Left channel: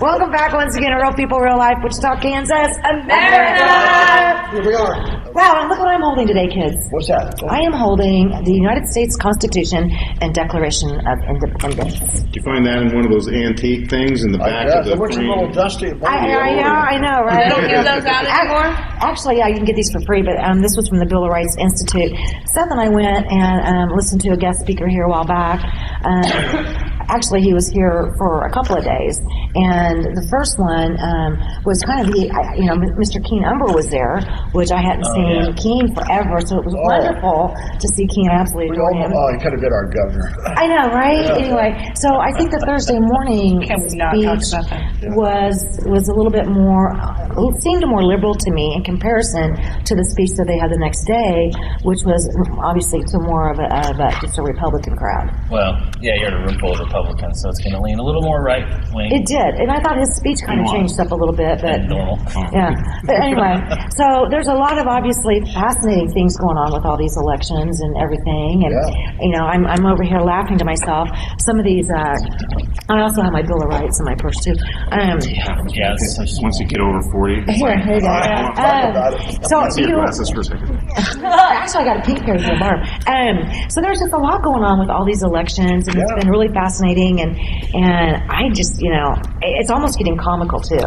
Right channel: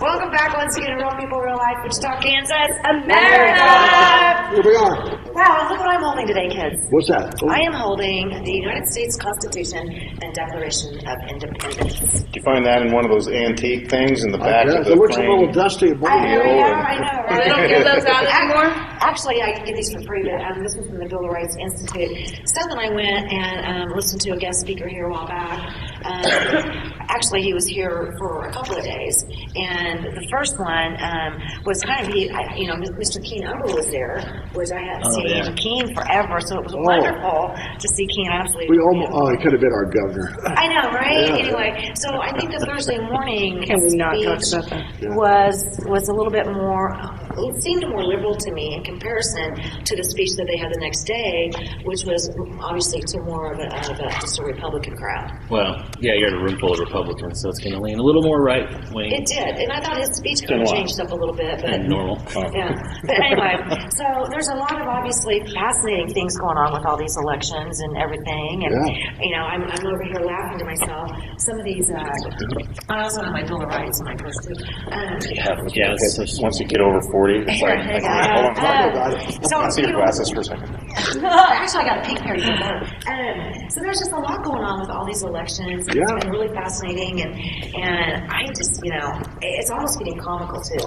Welcome back once again to Real People, Real Life, Wichita, Kansas, America! Here we are. Wow, and look what I'm holding today, kids. What's that? I am holding the United States Constitution and Declaration of Independence. Did you find that in one of those antique things in the back of the It looks a frame? little dusty. I know, right? They don't give those out anymore? Actually, yeah, you can get these for free, but this was from the Bill of Rights Institute. Seth and I went and listened to a guest speaker here a while back. Actually, he was here for a couple of days, and the first one was kind of, Mr. Keen Umber was there, which I hadn't seen Keen forever, so it was wonderful to see Keen. I absolutely adore him. He could have been our governor. I know, right? Yeah. Anyway, so I think the Thursday morning Can we not talk about that? was a little bit more, it seemed more liberal to me in comparison to the speech that they had the next day, which was obviously to more of just a Republican crowd. Well, yeah, you're in a room full of Republicans, so it's going to lean a little more right-wing. It did, and I thought his speech kind of changed up a little bit, but normal. Yeah, but anyway, so there's a lot of obviously fascinating things going on with all these elections and everything, and I'm over here laughing to myself. Some of these, I also have my Bill of Rights in my purse too. Yeah, Once you get over 40. Here you go. So Let's see your glasses for a second. Actually, I got a pink pair for bar. So there's just a lot going on with all these elections, and it's been really fascinating, and I just, it's almost getting comical too.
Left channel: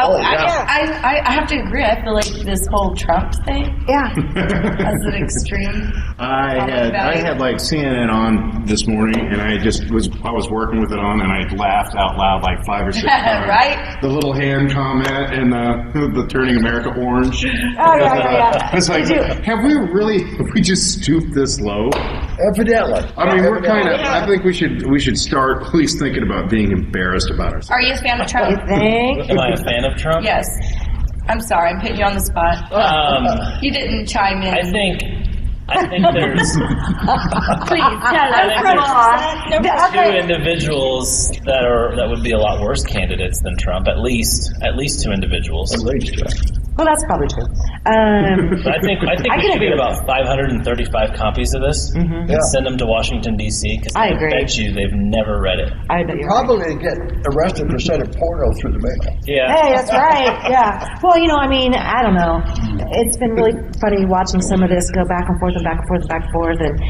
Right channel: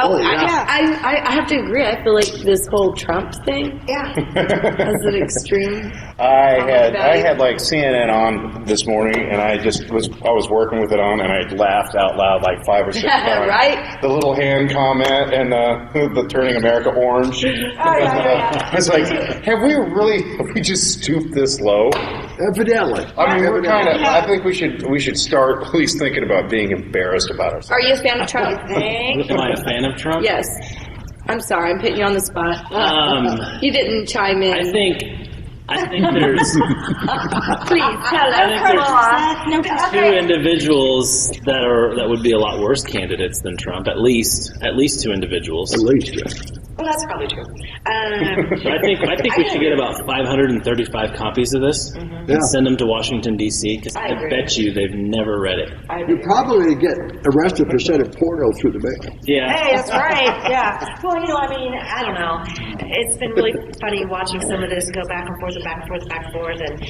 I have to agree. I feel like this whole Trump thing Yeah. has an extreme. I had like CNN on this morning, and I was working with it on, and I laughed out loud like 5 or 6 times. Right? The little hand comment and the turning America orange. Yeah. It's like, have we just stooped this low? Evidently. I mean, we're kind of. I think we should start at least thinking about being embarrassed about ourselves. Are you a fan of Trump? Am I a fan of Trump? Yes. I'm sorry, I'm putting you on the spot. You didn't chime in. I think there's Please tell us. two individuals that would be a lot worse candidates than Trump. At least two individuals. At least, Well, that's probably true. But I think we should get about 535 copies of this and send them to Washington, D.C. because I bet you they've never read it. You'd probably get arrested for sending porno through the mail. Yeah. Hey, that's right. Yeah. Well, I don't know. It's been really funny watching some of this go back and forth and back and forth and back and forth, and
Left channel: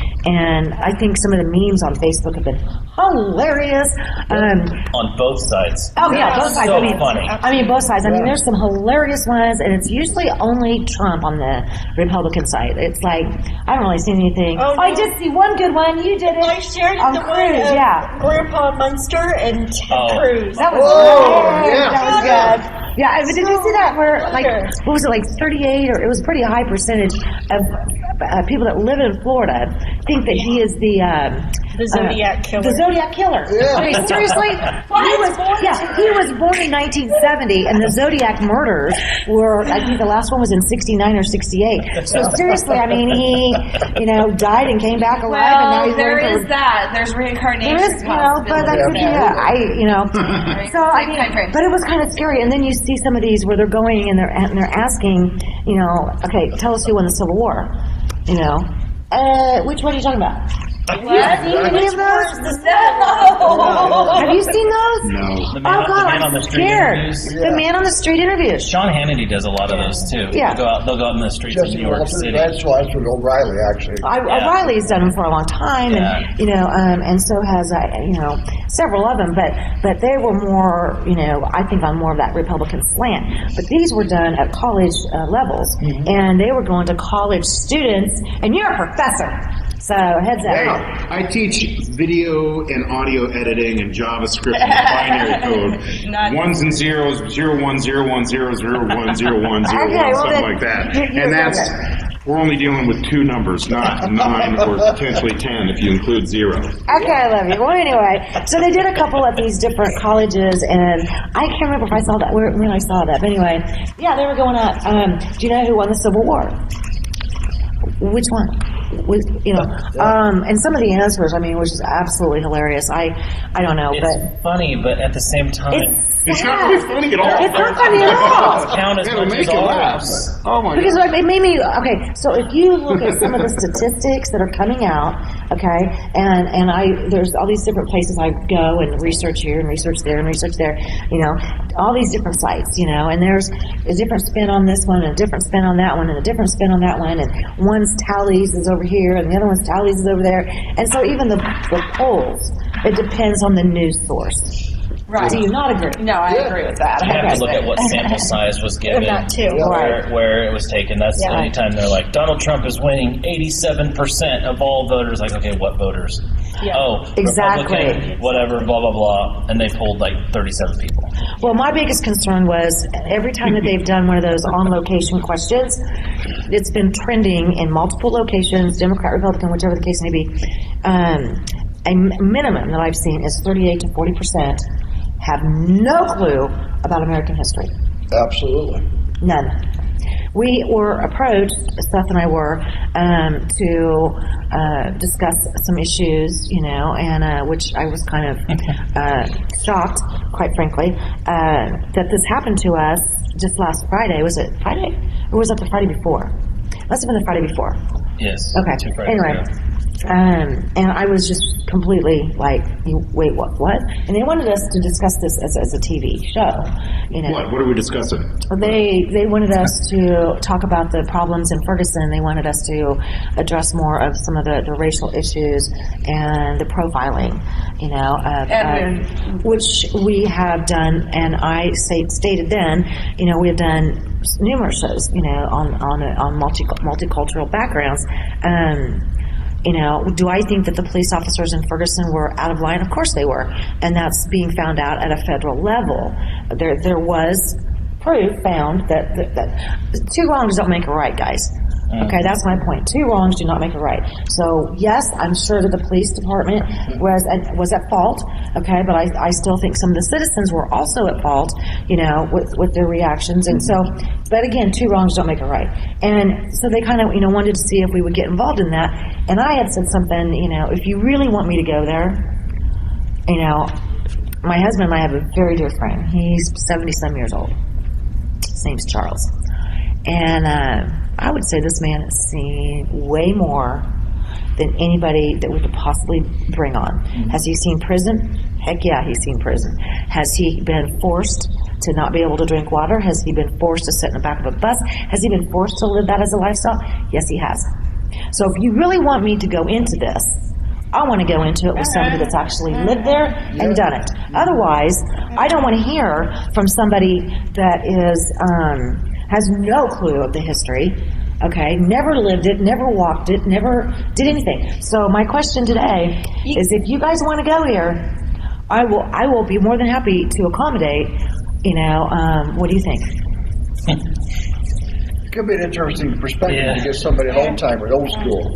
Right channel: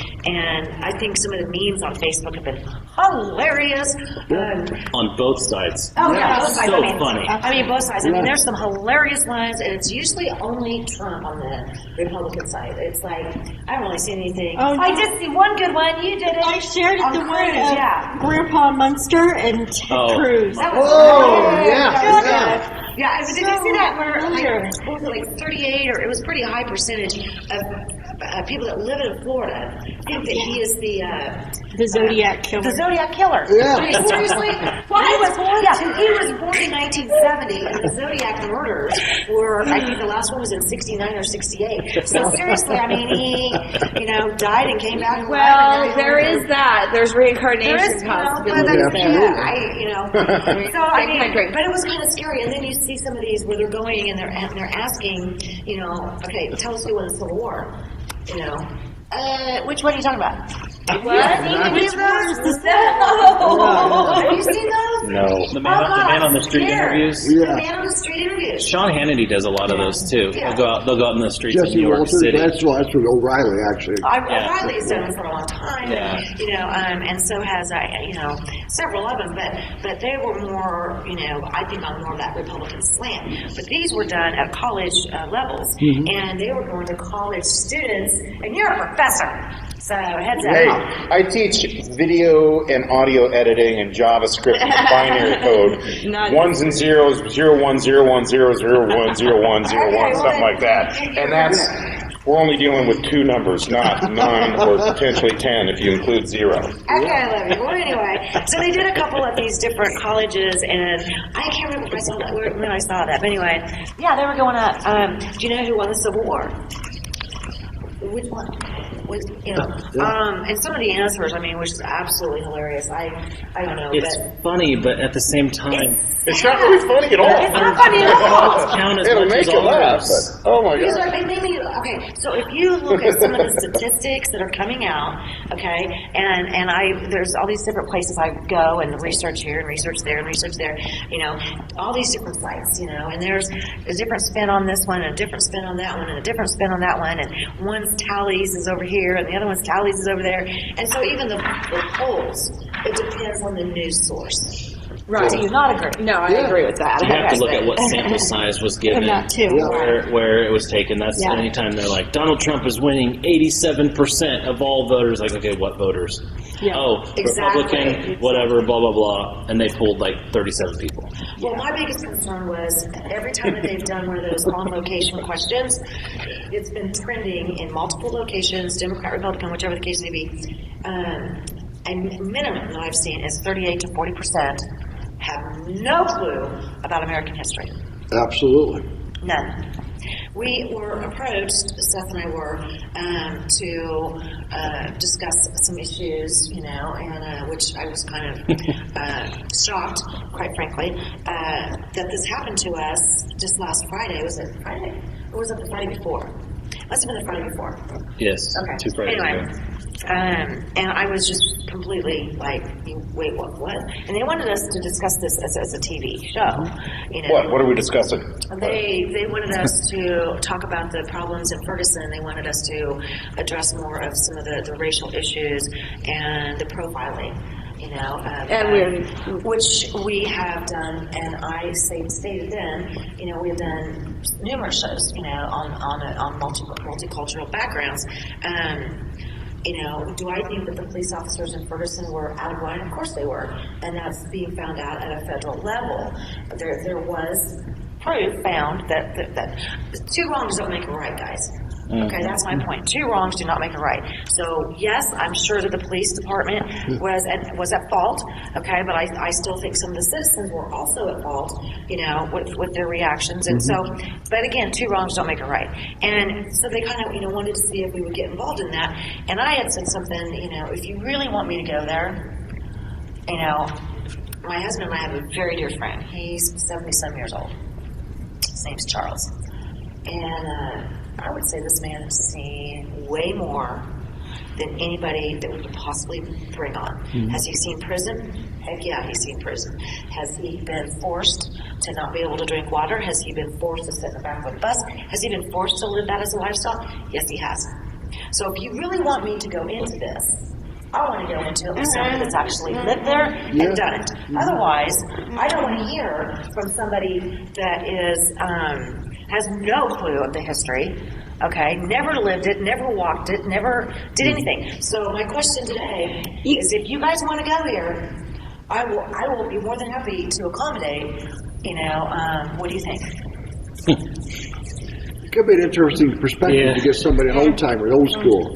I think some of the memes on Facebook have been hilarious. On both sides. Oh yeah, both sides. So funny. I mean, both sides. I mean, there's some hilarious ones, and it's usually only Trump on the Republican side. It's like I haven't really seen anything. Oh, I did see one good one. You did it. I shared on the Cruz. one of Yeah. Grandpa Munster and Ted Cruz. That was yeah. But did you see that where what was it, like 38 or it was a pretty high percentage of people that live in Florida think that he is the Zodiac killer. The Zodiac killer. Yeah. I mean, seriously? He was born in 1970, and the Zodiac murders were, I think the last one was in 69 or 68. So seriously, I mean, he, died and came back alive. Well, and there is that. There's reincarnation. There is, but that's, So, I mean, but it was kind of scary. And then you see some of these where they're going and they're asking, okay, tell us who won the Civil War. Which one are you talking about? What? Have you seen those? No. The man on the street interviews. The man on the street interviews. Sean Hannity does a lot of those too. Yeah. They'll go out in the streets in Jesse New York Walters, City. that's with O'Reilly, actually. O'Reilly's done them for a long time, and so has several of them. But they were more, I think on more of that Republican slant. But these were done at college levels, and they were going to college students. And you're a professor. So heads up. Hey, I teach video and audio editing and JavaScript and binary code. Ones and zeros, 01010010101, something like that. And we're only dealing with 2 numbers, not 9 or potentially 10 if you include 0. Okay, I love you. Well, anyway, so they did a couple of these different colleges, and I can't remember if I saw that when I saw that. But anyway, yeah, they were going up. Do you know who won the Civil War? Which one? And some of the answers, I mean, which is absolutely hilarious. I don't know, it's but funny, but at the same time, It's not really funny at all. it's not funny at all. count as It'll much make as you laugh. ours. Oh my Because God. like, it made me, okay, so if you look at some of the statistics that are coming out, okay, and there's all these different places I go and research here and research there and research there, all these different sites, and there's a different spin on this one and a different spin on that one and a different spin on that one, and one's tallies is over here and the other one's tallies is over there. And so even the polls, it depends on the news source. Right. Do you not agree? No, I agree with that. You have to look at what sample size was given, Not too. where it was taken. That's anytime they're like, Donald Trump is winning 87% of all voters. Like, okay, what voters? Yeah. Oh, Exactly. Republican, whatever, blah, blah, blah. And they pulled like 37 people. Well, my biggest concern was every time that they've done one of those on-location questions, it's been trending in multiple locations, Democrat, Republican, whichever the case may be. A minimum that I've seen is 38 to 40% have no clue about American history. Absolutely. None. We were approached, Seth and I were, to discuss some issues, and which I was kind of shocked, quite frankly, that this happened to us just last Friday. Was it Friday? Or was it the Friday before? Must have been the Friday before. Yes. Okay. 2 Fridays Anyway. ago. And I was just completely like, wait, what? And they wanted us to discuss this as a TV show, What are we discussing? They wanted us to talk about the problems in Ferguson. They wanted us to address more of some of the racial issues and the profiling, which we have done. And I stated then, we have done numerous shows, on multicultural backgrounds. Do I think that the police officers in Ferguson were out of line? Of course they were. And that's being found out at a federal level. There was proof found that 2 wrongs don't make a right, guys. Okay, that's my point. 2 wrongs do not make a right. So yes, I'm sure that the police department was at fault. Okay, but I still think some of the citizens were also at fault, with their reactions. And so, but again, 2 wrongs don't make a right. And so they kind of, wanted to see if we would get involved in that. And I had said something, if you really want me to go there, my husband and I have a very dear friend. He's 70-some years old. His name's Charles. And I would say this man has seen way more than anybody that we could possibly bring on. Mm-hmm. Has he seen prison? Heck yeah, he's seen prison. Has he been forced to not be able to drink water? Has he been forced to sit in the back of a bus? Has he been forced to live that as a lifestyle? Yes, he has. So if you really want me to go into this, I want to go into it with somebody that's actually lived there and done it. Otherwise, I don't want to hear from somebody that is has no clue of the history, okay, never lived it, never walked it, never did anything. So my question today is, if you guys want to go here, I will be more than happy to accommodate. What do you think? Could be an interesting perspective to get somebody old timer, old school.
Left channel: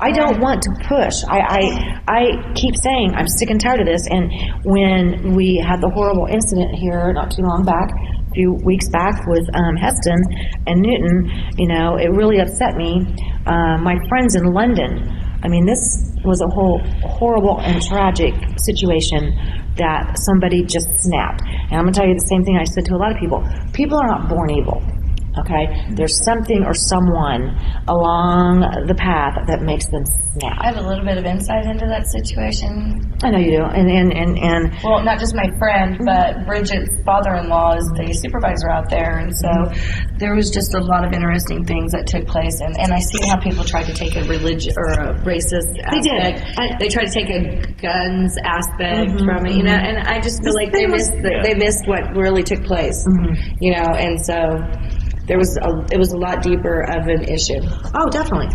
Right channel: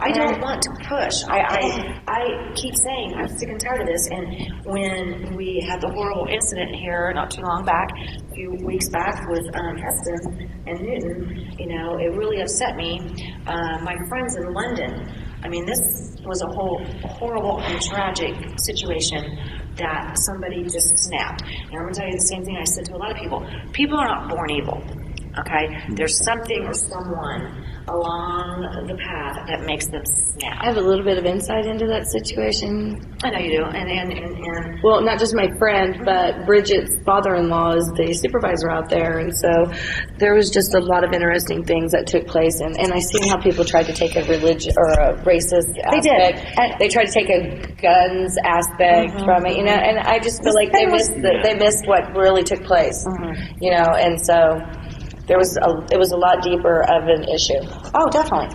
I don't want to push. I keep saying I'm sick and tired of this. And when we had the horrible incident here not too long back, a few weeks back with Heston and Newton, it really upset me. My friends in London, this was a whole horrible and tragic situation that somebody just snapped. And I'm going to tell you the same thing I said to a lot of people. People are not born evil. Okay, there's something or someone along the path that makes them snap. I have a little bit of insight into that situation. I know you do, and well, not just my friend, but Bridget's father-in-law is the supervisor out there, and so there was just a lot of interesting things that took place, and I seen how people tried to take a religion or a racist aspect. They tried to take a guns aspect from it, and I just feel like they missed what really took place, and so. It was a lot deeper of an issue. Oh, definitely.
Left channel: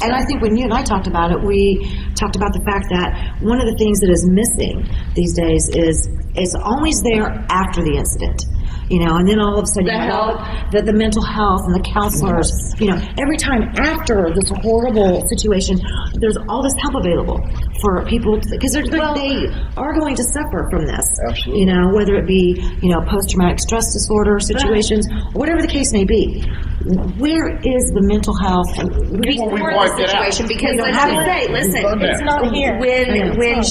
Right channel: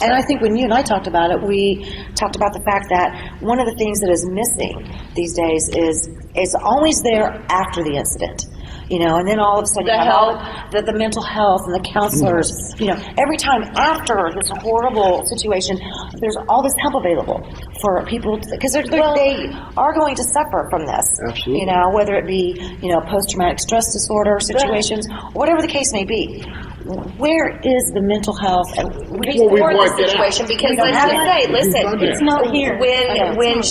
And I think when you and I talked about it, we talked about the fact that one of the things that is missing these days is it's always there after the incident. And then all of a sudden the mental health and the counselors, every time after this horrible situation, there's all this help available for people because they are going to suffer from this. Absolutely. Whether it be, post-traumatic stress disorder situations, whatever the case may be. where is the mental health? Restore the situation, because I have to say, listen, It's not here. when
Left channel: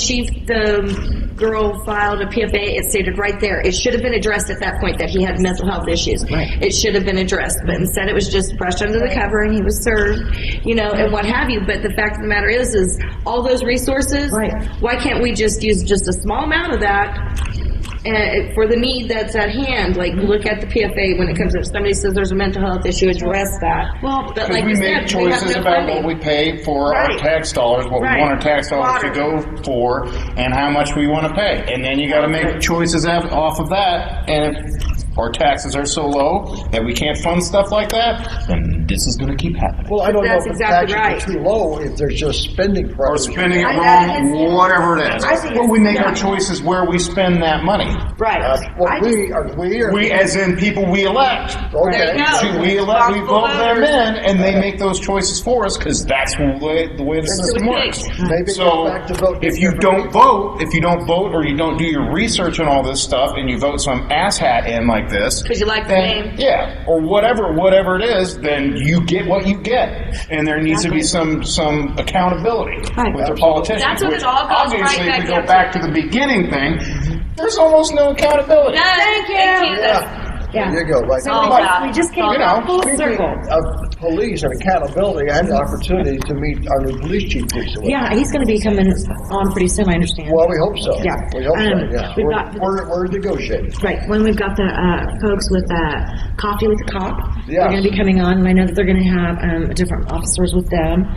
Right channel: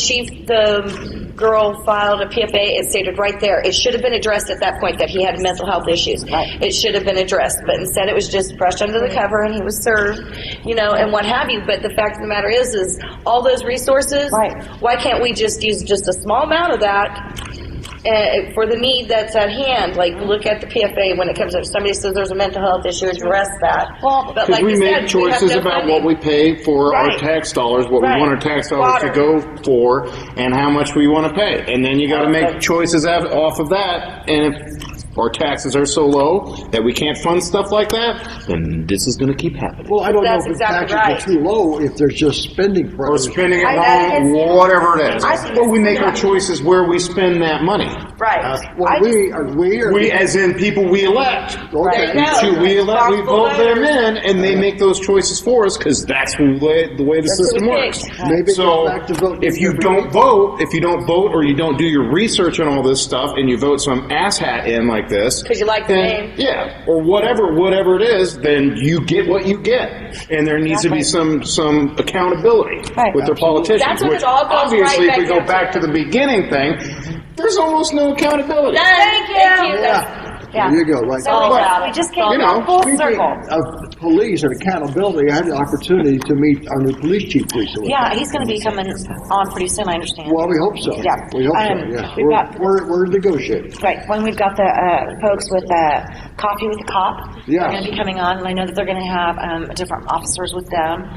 the girl filed a PFA, it stated right there, it should have been addressed at that point that he had mental health issues. Right. It should have been addressed, but instead it was just brushed under the cover and he was served, and what have you. But the fact of the matter is all those resources, Right. why can't we just use just a small amount of that for the need that's at hand? Like, look at the PFA when it comes up. Somebody says there's a mental health issue, address that. Well, but like we you make said, we have choices no about funding. what we pay for Right. our tax dollars, what Right. we want our tax dollars Water. to go for, and how much we want to pay. And then you got to make choices off of that. And if our taxes are so low that we can't fund stuff like that, then this is going to keep happening. Well, I don't That's know if the exactly taxes are too low, if there's just spending Or pressure. spending it I- on that's- whatever it is. I think But we make our yeah. choices where we spend that money. Right. Well, We, as in people we elect. Okay. There you go. We Responsible vote them voters. in, and they make those choices for us because that's the way the system we works. picked. Maybe it So goes back to vote. if you don't vote, or you don't do your research on all this stuff, and you vote some asshat in like this, Because you like the then, name. yeah, or whatever it is, then you get what you get, and there needs to be some accountability Right. with the politicians. That's when it which all goes right obviously, back if we go down to- back to the beginning thing, there's almost no accountability. Thank you. Yeah. There you go, right. So all about we it. just came You know, full Speaking circle. of police and accountability, I had the opportunity to meet our new police chief recently. Yeah, he's going to be coming on pretty soon, I understand. Well, we hope so. Yeah. We hope so, yes. We've got- We're negotiating. Right, when we've got the folks with Coffee with the Cop, Yes. they're going to be coming on, and I know that they're going to have different officers with them.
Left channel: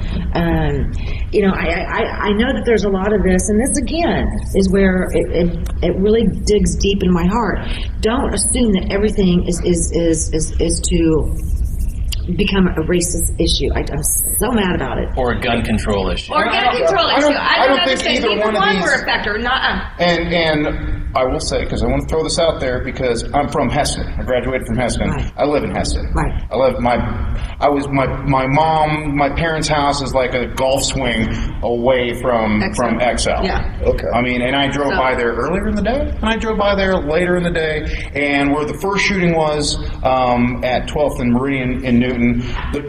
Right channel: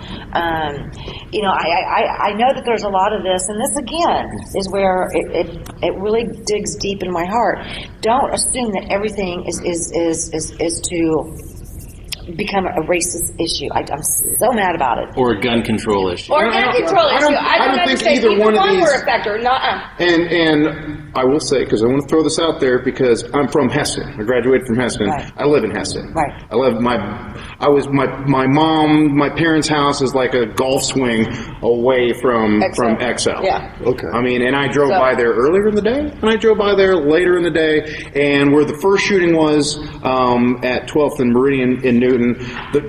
I know that there's a lot of this, and this again is where it really digs deep in my heart. Don't assume that everything is to become a racist issue. I'm so mad about it. Or a gun control issue. Or gun control issue. I don't think understand. either Neither one of one these- were a factor. And I will say, because I want to throw this out there, because I'm from Heston. I graduated from Heston. Right. I live in Heston. Right. My parents' house is like a golf swing away from XL. Yeah. Okay. I mean, and I drove So- by there earlier in the day, and I drove by there later in the day, and where the first shooting was at 12th and Meridian in Newton,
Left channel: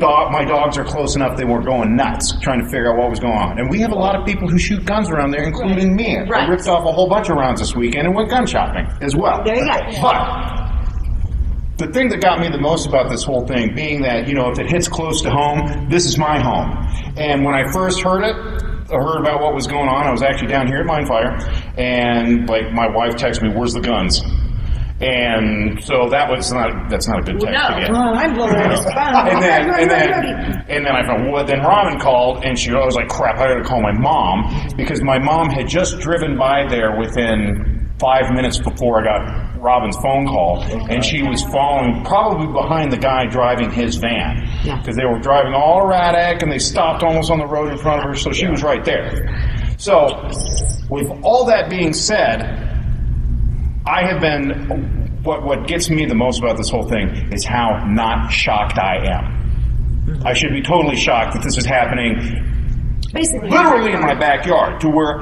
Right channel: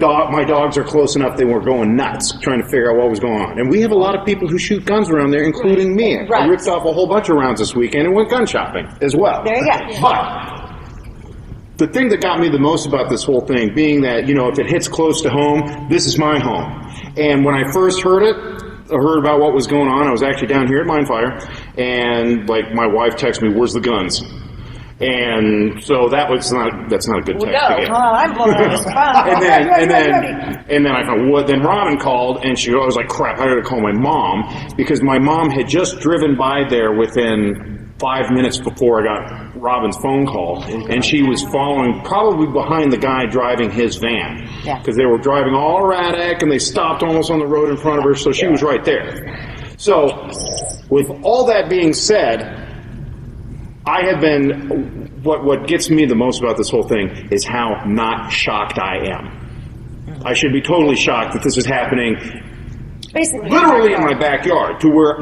my dogs are close enough, they were going nuts trying to figure out what was going on. And we have a lot of people who shoot guns around there, including me. Right. I ripped off a whole bunch of rounds this weekend and went gun shopping as well. There you go. But the thing that got me the most about this whole thing being that, if it hits close to home, this is my home. And when I first heard about what was going on, I was actually down here at Mine Fire, and my wife texted me, "Where's the guns?" And so that's not a good thing to get. Oh, I'm blowing this fun. And then I thought, what? Then Robin called, and I was like, crap, I had to call my mom, because my mom had just driven by there within 5 minutes before I got Robin's phone call, and she was following probably behind the guy driving his van, because they were driving all erratic, and they stopped almost on the road in front of her, so she was right there. So, with all that being said, I have been, what gets me the most about this whole thing is how not shocked I am. I should be totally shocked that this is happening Basically. literally in my backyard, to where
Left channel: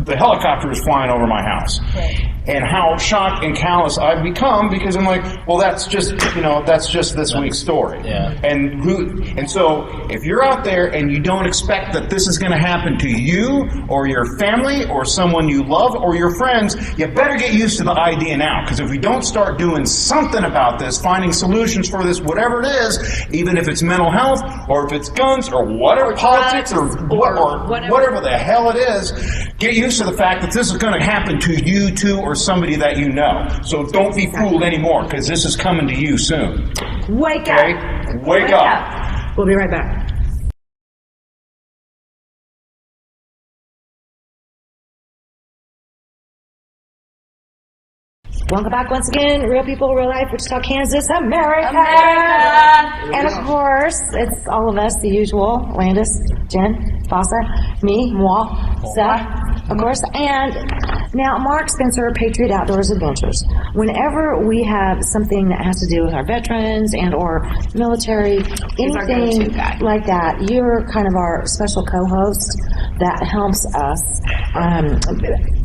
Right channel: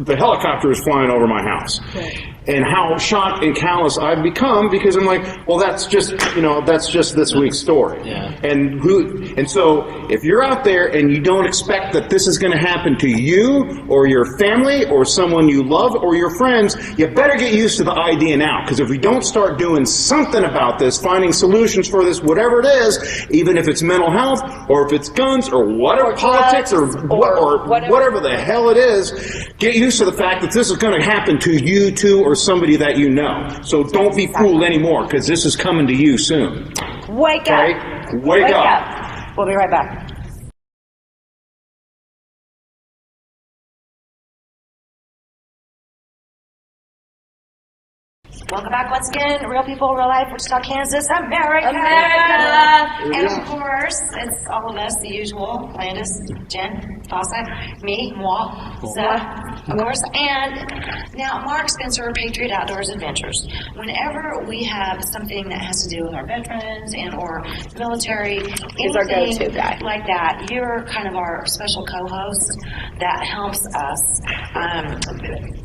the helicopter is flying over my house. And how shocked and callous I've become, because I'm like, well, that's just this week's story. Yeah. And so if you're out there and you don't expect that this is going to happen to you or your family or someone you love or your friends, you better get used to the idea now. Because if we don't start doing something about this, finding solutions for this, whatever it is, even if it's mental health or if it's guns or whatever, politics or whatever the hell it is, get used to the fact that this is going to happen to you too or somebody that you know. So don't be fooled anymore, because this is coming to you soon. Wake Okay? up. Wake up. We'll be right back. Welcome back once again, Real People, Real Life, Wichita, Kansas, America! And of course, it's all of us, the usual, Landis, Jen, Vasa, me, moi, Seth, of course, and Now, Mark Spencer, Patriot Outdoors Adventures. Whenever we have something that has to do with our veterans and or military, He's our anything go-to guy. like that, you're kind of our special co-host that helps us.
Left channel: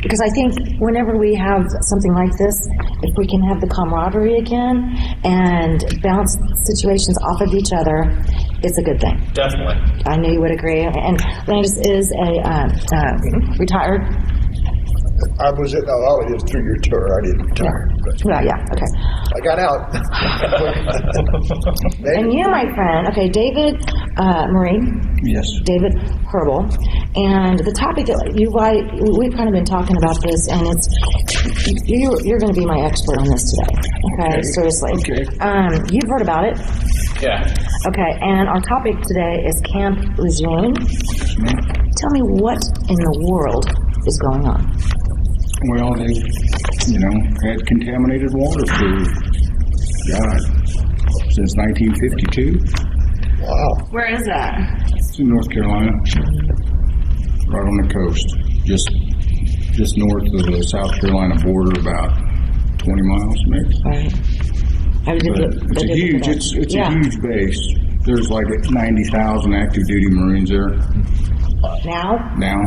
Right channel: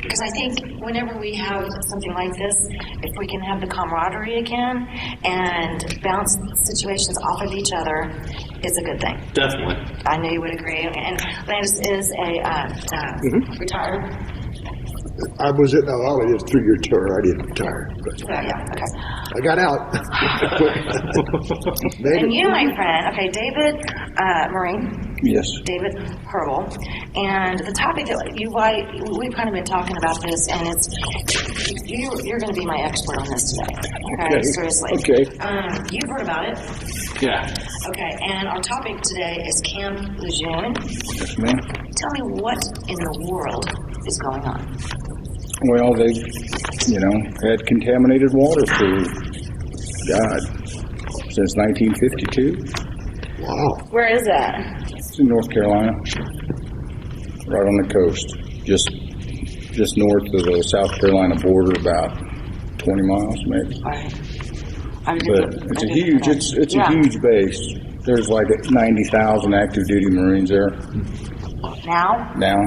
Because I think whenever we have something like this, if we can have the camaraderie again and bounce situations off of each other, it's a good thing. Definitely. I knew you would agree. And Landis is a retired. I was at, oh, it was a 3-year tour. I didn't retire. But Yeah, okay. I got out. And you, my friend, okay, David Marine. Yes. David Herbal. And the topic that we've kind of been talking about this, and it's, you're going to be my expert on this today. Okay, seriously. Okay. You've heard about it. Yeah. Okay, and our topic today is Camp Lejeune. Yes, ma'am. Tell me what in the world is going on. Well, they, had contaminated water for, since 1952. Wow. Where is that? It's in North Carolina, right on the coast, just north of the South Carolina border, about 20 miles maybe. Right. But it's a huge base. There's like 90,000 active duty Marines there Now? Yeah.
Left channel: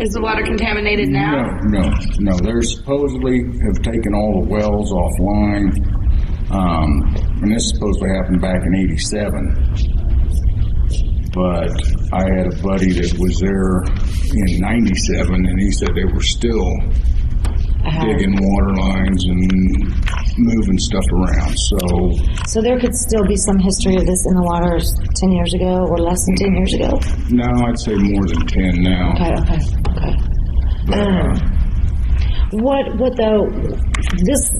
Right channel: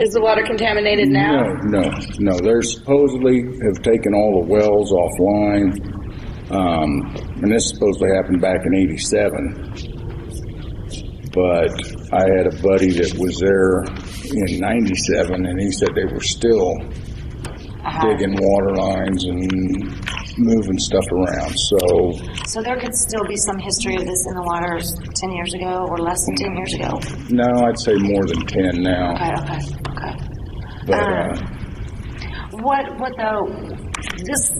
Is the water contaminated now? No. They supposedly have taken all the wells offline, and this supposedly happened back in '87. But I had a buddy that was there in '97, and he said they were still digging water lines and moving stuff around. So there could still be some history of this in the water 10 years ago or less than 10 years ago? no, I'd say more than 10 now. Okay. But What though, this,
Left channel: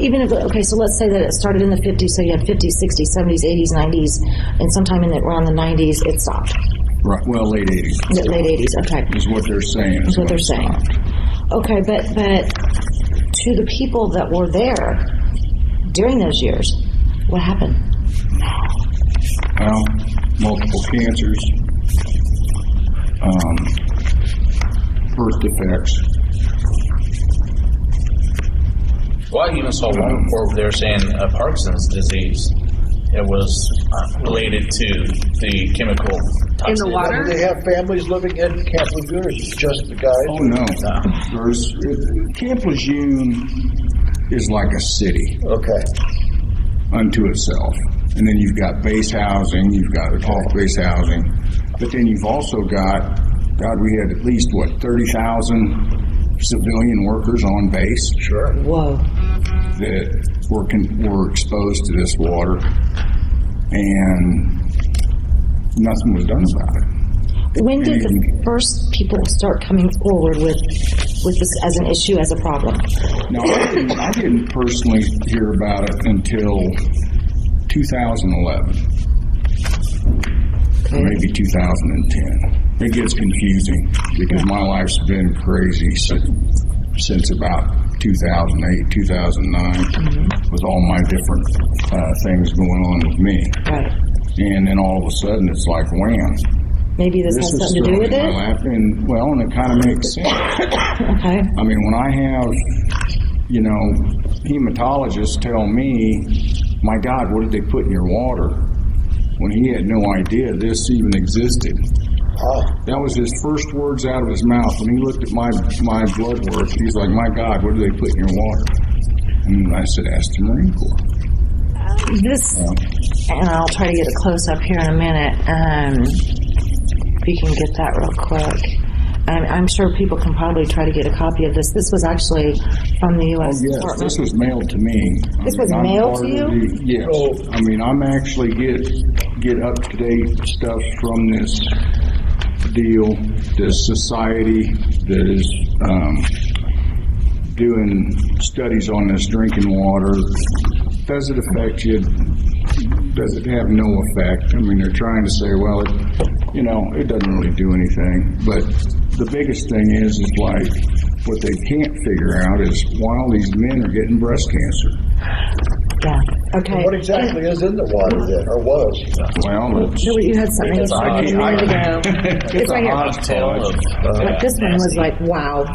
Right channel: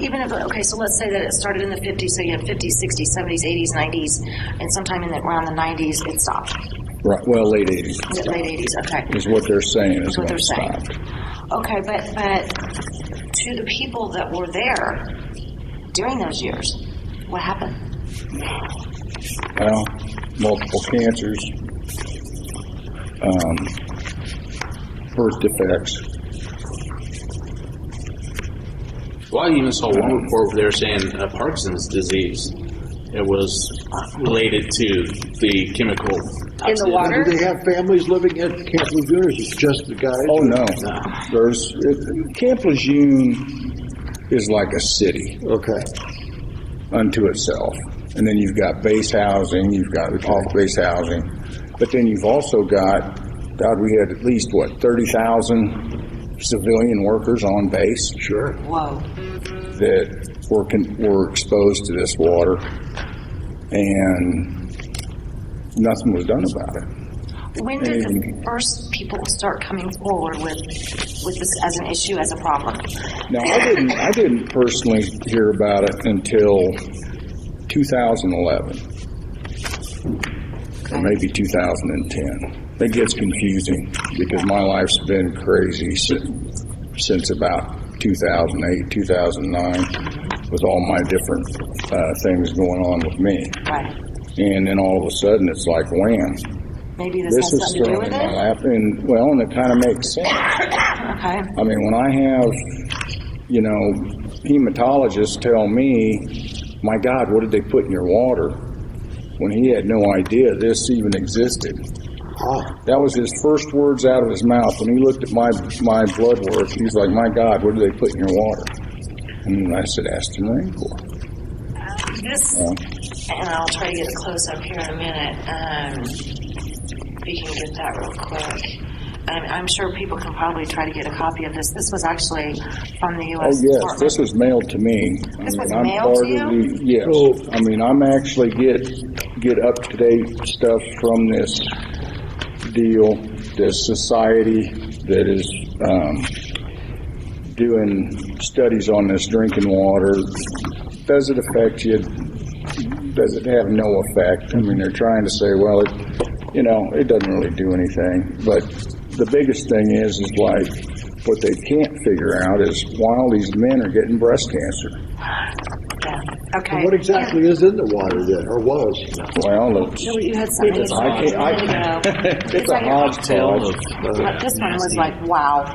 even if, okay, so let's say that it started in the 50s, so you had 50s, 60s, 70s, 80s, 90s, and sometime around the 90s it stopped. right, well, late 80s. Late 80s, okay. Is what they're saying. That's what they're saying. Okay, but to the people that were there during those years, what happened? Well, multiple cancers, birth defects. Well, I even saw one report where they were saying Parkinson's disease. It was related to the chemical toxicity. In the water? Do they have families living at Camp Lejeune, or is it just the guys? Oh, no. Camp Lejeune is like a city Okay. unto itself. And then you've got base housing, you've got base housing, but then you've also got, we had at least, 30,000 civilian workers on base. Sure. Whoa. That were exposed to this water, and nothing was done about it. When did the first people start coming forward with this as an issue, as a problem? Now, I didn't personally hear about it until 2011, or maybe 2010. It gets confusing because my life's been crazy since about 2008, 2009, with all my different things going on with me. Right. And then all of a sudden, it's like, wham. Maybe this has is something to do with thrown in it? my lap, and it kind of makes sense. Okay. I mean, when I have, hematologists tell me, my God, what did they put in your water? When he had no idea this even existed. Oh. That was his first words out of his mouth. When he looked at my blood work, he was like, my God, what did they put in your water? And I said, ask the Marine Corps. And I'll try to get it close up here in a minute. If you can get that real quick. I'm sure people can probably try to get a copy of this. This was actually from the U.S. Oh, yes, Department. this was mailed to me. This was mailed to you? Yes. So- I'm actually get up-to-date stuff from this deal, this society that is doing studies on this drinking water. Does it affect you? Does it have no effect? I mean, they're trying to say, well, it doesn't really do anything. But the biggest thing is like, what they can't figure out is why all these men are getting breast cancer. Yeah. Okay. And what exactly is in the water then, or was? Well, You had something a minute ago. it's a hodgepodge. But this one was like, wow.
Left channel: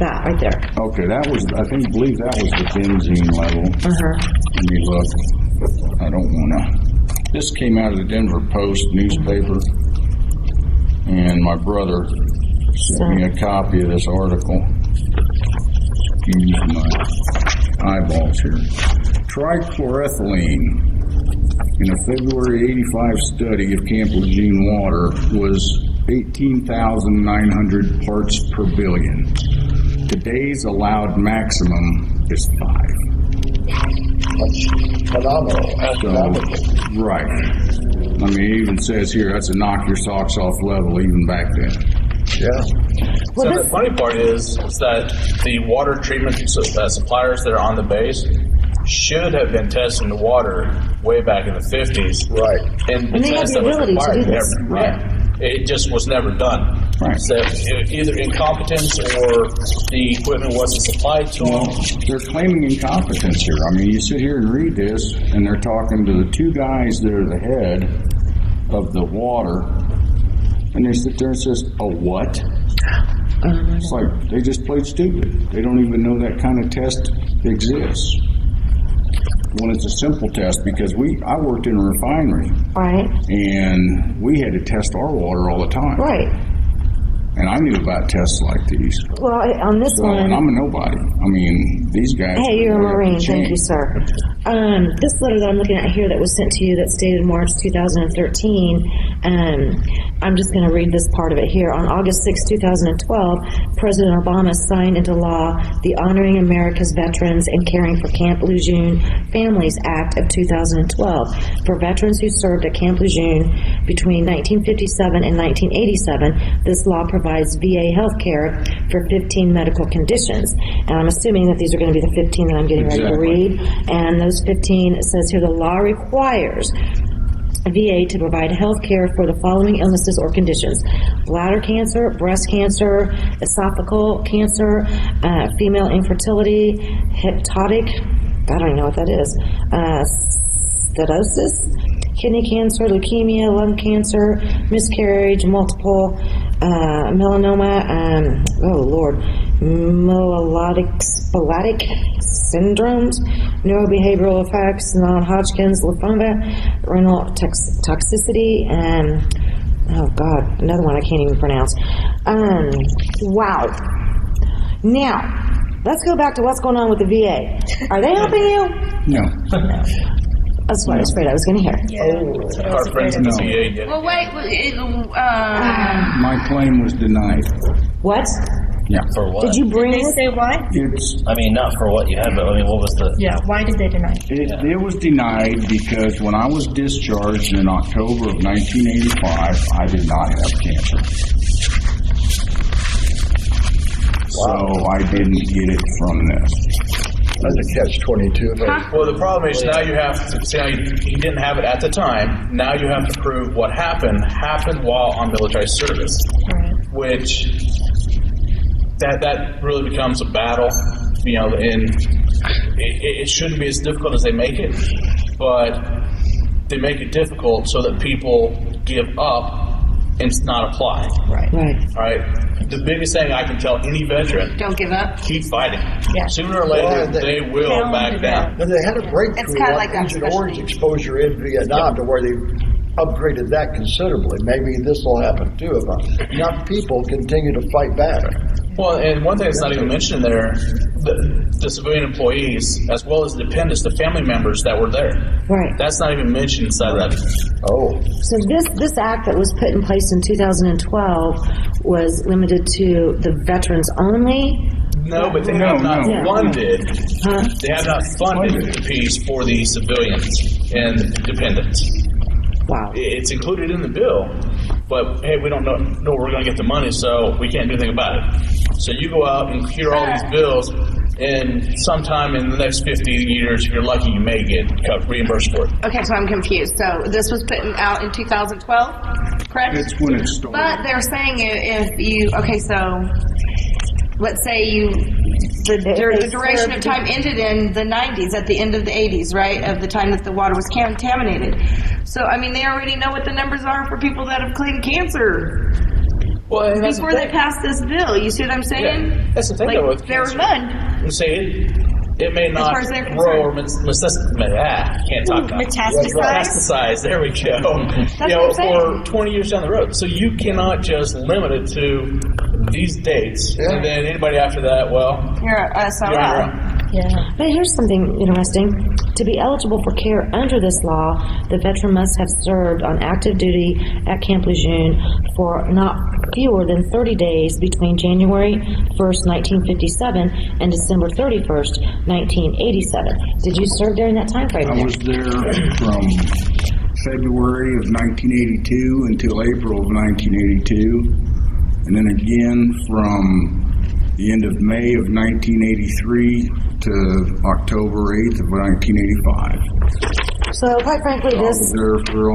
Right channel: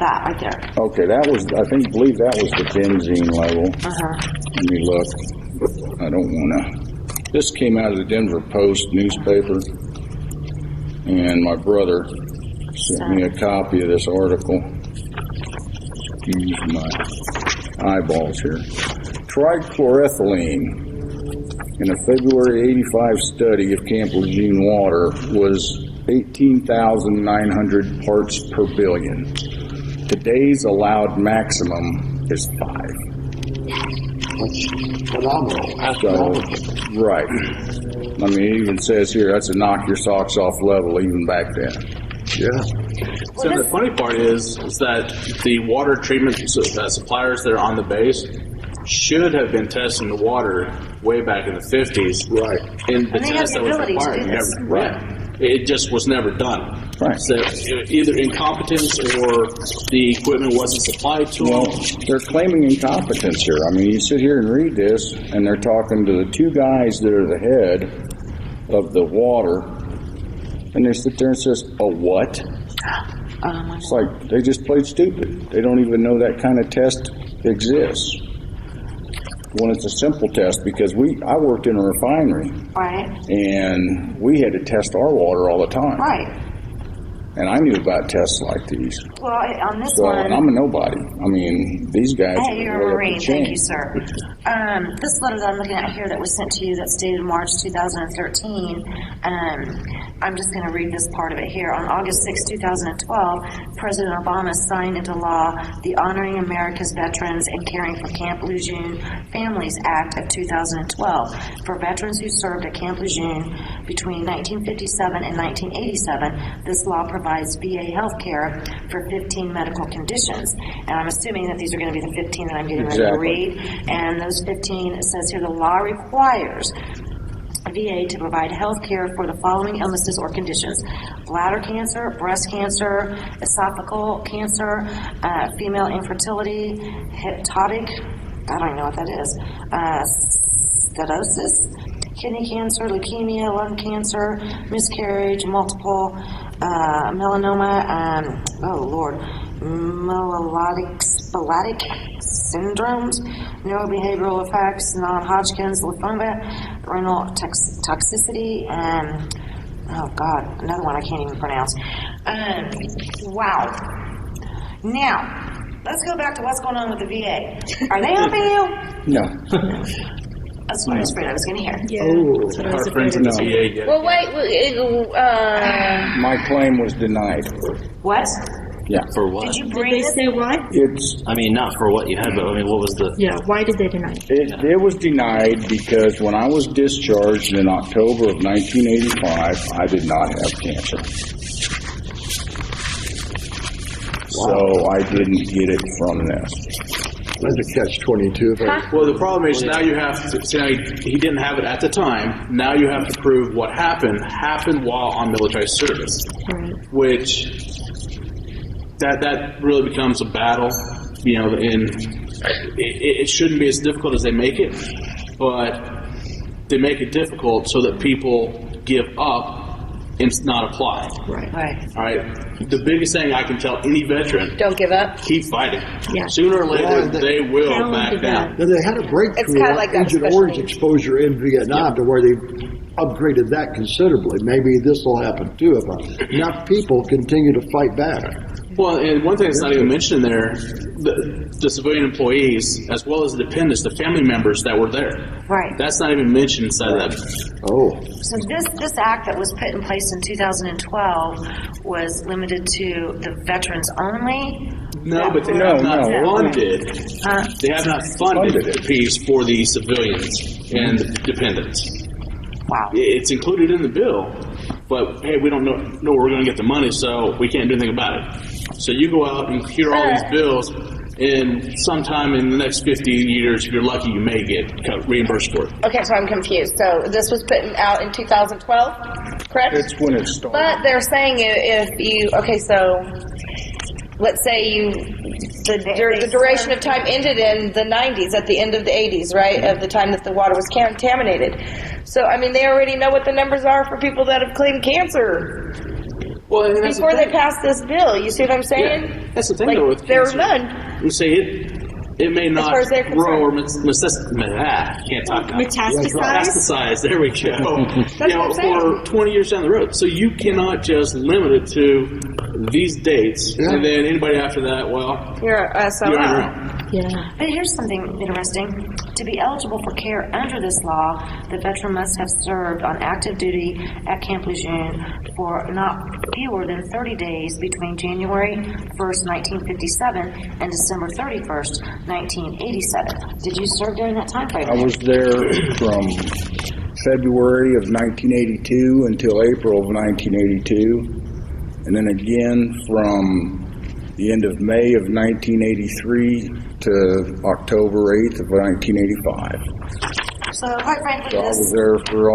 That right there. Okay, that was, I believe that was the benzene level. Let me look. I don't want to. This came out of the Denver Post newspaper, and my brother sent me a copy of this article. Excuse my eyeballs here. Trichloroethylene in a February 85 study of Camp Lejeune water was 18,900 parts per billion. Today's allowed maximum is 5. That's phenomenal. Astronomical. Right. I mean, it even says here that's a knock your socks off level even back then. Yeah. Well, The funny part is that the water treatment suppliers that are on the base should have been testing the water way back in the 50s. Right. And they have the ability to do this. Right. It just was never done. Right. So either incompetence or the equipment wasn't supplied to them. Well, they're claiming incompetence here. I mean, you sit here and read this, and they're talking to the 2 guys that are the head of the water, and they sit there and says, "A what?" It's like they just played stupid. They don't even know that kind of test exists. When it's a simple test, because I worked in a refinery, right. and we had to test our water all the time. Right. And I knew about tests like these. Well, on this So, one. and I'm a nobody. I mean, these guys. Hey, you're a way up the Marine. chain. Thank you, sir. This letter that I'm looking at here that was sent to you that's dated March 2013, I'm just going to read this part of it here. On August 6, 2012, President Obama signed into law the Honoring America's Veterans and Caring for Camp Lejeune Families Act of 2012 for veterans who served at Camp Lejeune between 1957 and 1987. This law provides VA health care for 15 medical conditions. And I'm assuming that these are going to be the 15 that I'm getting ready to read. And those 15, it says here, the law requires VA to provide health care for the following illnesses or conditions: bladder cancer, breast cancer, esophageal cancer, female infertility, hepatic, I don't even know what that is, cirrhosis, kidney cancer, leukemia, lung cancer, miscarriage, multiple melanoma, myelodysplastic syndromes, neurobehavioral effects, non-Hodgkin's lymphoma, renal toxicity, and another one I can't even pronounce. Wow. Now, let's go back to what's going on with the VA. Are they helping you? No. That's what I was afraid I was going to hear. That's what I was Our friends in the VA get Well, wait. My claim was denied. What? Yeah. For what? Did you bring Did they this? say why? It's I mean, not for what you had, but I mean, what was the... Yeah, why did they deny it? it was denied because when I was discharged in October of 1985, I did not have cancer. So I didn't get it from this. That's a catch-22. Well, the problem is now you have to, he didn't have it at the time. Now you have to prove what happened while on military service, Right. which that really becomes a battle, and it shouldn't be as difficult as they make it, but they make it difficult so that people give up and not apply. Right. All right. The biggest thing I can tell any veteran: Don't give up. keep fighting. Yeah. Sooner or later, Well, they will Talented back down. Now, they had a It's breakthrough kinda on like that Agent special Orange needs. exposure in Vietnam to where they upgraded that considerably. Maybe this will happen too if enough people continue to fight back. Well, and one thing that's not even mentioned in there, the civilian employees, as well as the dependents, the family members that were there. Right. That's not even mentioned inside of that. Oh, So this act that was put in place in 2012 was limited to the veterans only? No, but they have not funded. Huh? They have not funded the piece for the civilians and dependents. Wow. It's included in the bill, but hey, we don't know where we're going to get the money, so we can't do anything about it. So you go out and hear all these bills, and sometime in the next 50 years, if you're lucky, you may get reimbursed for it. Okay, so I'm confused. So this was put out in 2012, correct? That's when it started. But they're saying if you, so let's say the duration of time ended in the 90s, at the end of the 80s, right? Of the time that the water was contaminated. So, I mean, they already know what the numbers are for people that have claimed cancer. Well, and that's before the they thing. passed this bill. You see what I'm saying? Yeah, that's the thing Like, though with there was cancer. none. You see, it may not far as they're grow or concerned. can't talk about it. Metastasize? Metastasize. There we go. That's what I'm saying. for 20 years down the road. So you cannot just limit it to these dates, Yeah. and then anybody after that, well, You're SOL. you're on your own. Yeah. But here's something interesting. To be eligible for care under this law, the veteran must have served on active duty at Camp Lejeune for not fewer than 30 days between January 1st, 1957 and December 31st, 1987. Did you serve during that time frame? I was there from February of 1982 until April of 1982, and then again from the end of May of 1983 to October 8th of 1985. So, quite frankly, I was this there for,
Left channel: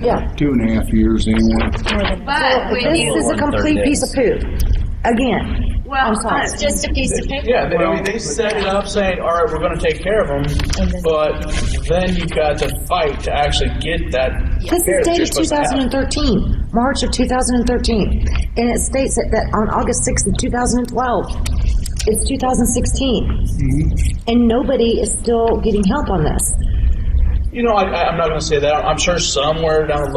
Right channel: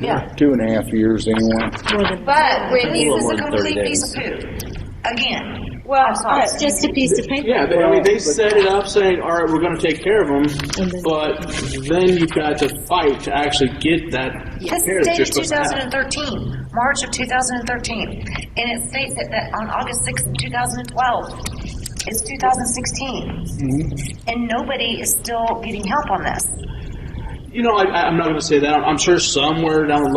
Yeah. 2.5 years in. More than But when this you, is a complete piece of poop. Again, well, I'm sorry. It's just a piece of paper. Yeah, they set it up saying, all right, we're going to take care of them, then- but then you've got to fight to actually get that this care is that you're dated supposed to have. 2013, March of 2013, and it states that on August 6th of 2012, it's 2016, and nobody is still getting help on this. You know, I'm not going to say that. I'm sure somewhere down the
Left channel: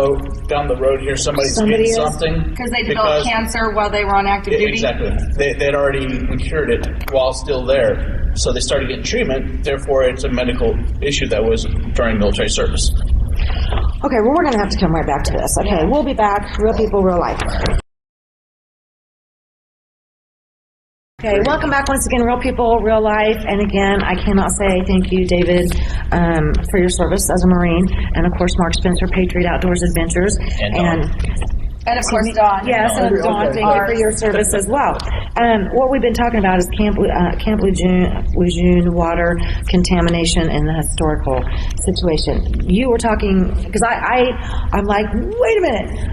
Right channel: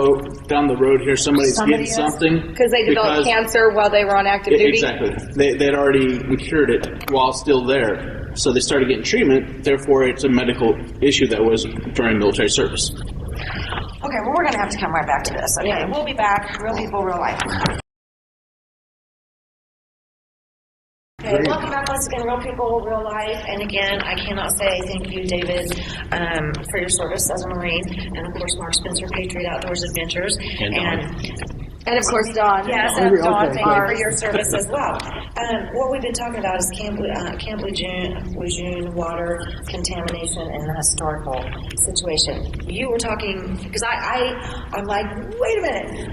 road here, somebody's Somebody getting is. something. because they developed cancer while they were on active duty. Exactly. They'd already cured it while still there. So they started getting treatment. Therefore, it's a medical issue that was during military service. Okay, well, we're going to have to come right back to this. Okay, we'll be back. Real people, real life. Okay, welcome back once again, Real People, Real Life. And again, I cannot say thank you, David, for your service as a Marine. And of course, Mark Spencer, Patriot Outdoors Adventures. And of course, Dawn. Yes, and Okay, Dawn, okay. thank you for your service as well. What we've been talking about is Camp Lejeune water contamination and the historical situation. You were talking, because I'm like, wait a minute.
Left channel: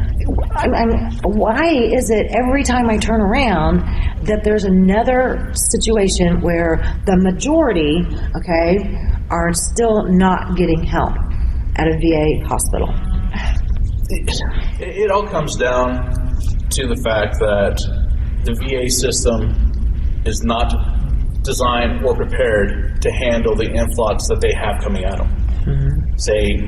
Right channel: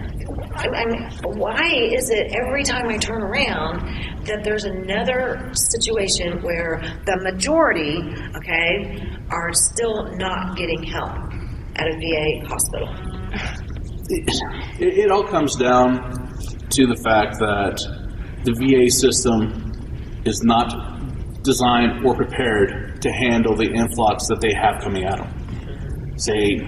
Why is it every time I turn around that there's another situation where the majority, okay, are still not getting help at a VA hospital? It all comes down to the fact that the VA system is not designed or prepared to handle the influx that they have coming at them. Say,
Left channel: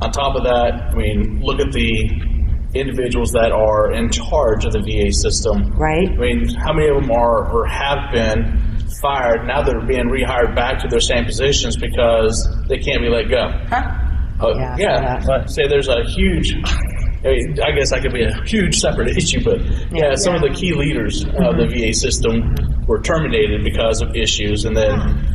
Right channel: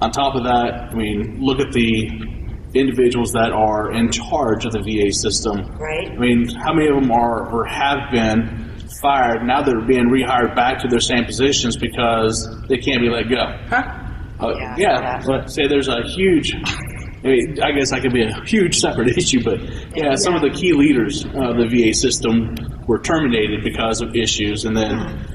on top of that, I mean, look at the individuals that are in charge of the VA system. Right. I mean, how many of them are or have been fired? Now they're being rehired back to their same positions because they can't be let go. Yeah, I saw Yeah. that. Say there's a huge. I mean, I guess that could be a huge separate issue, but yeah, some of the key leaders of the VA system were terminated because of issues, and then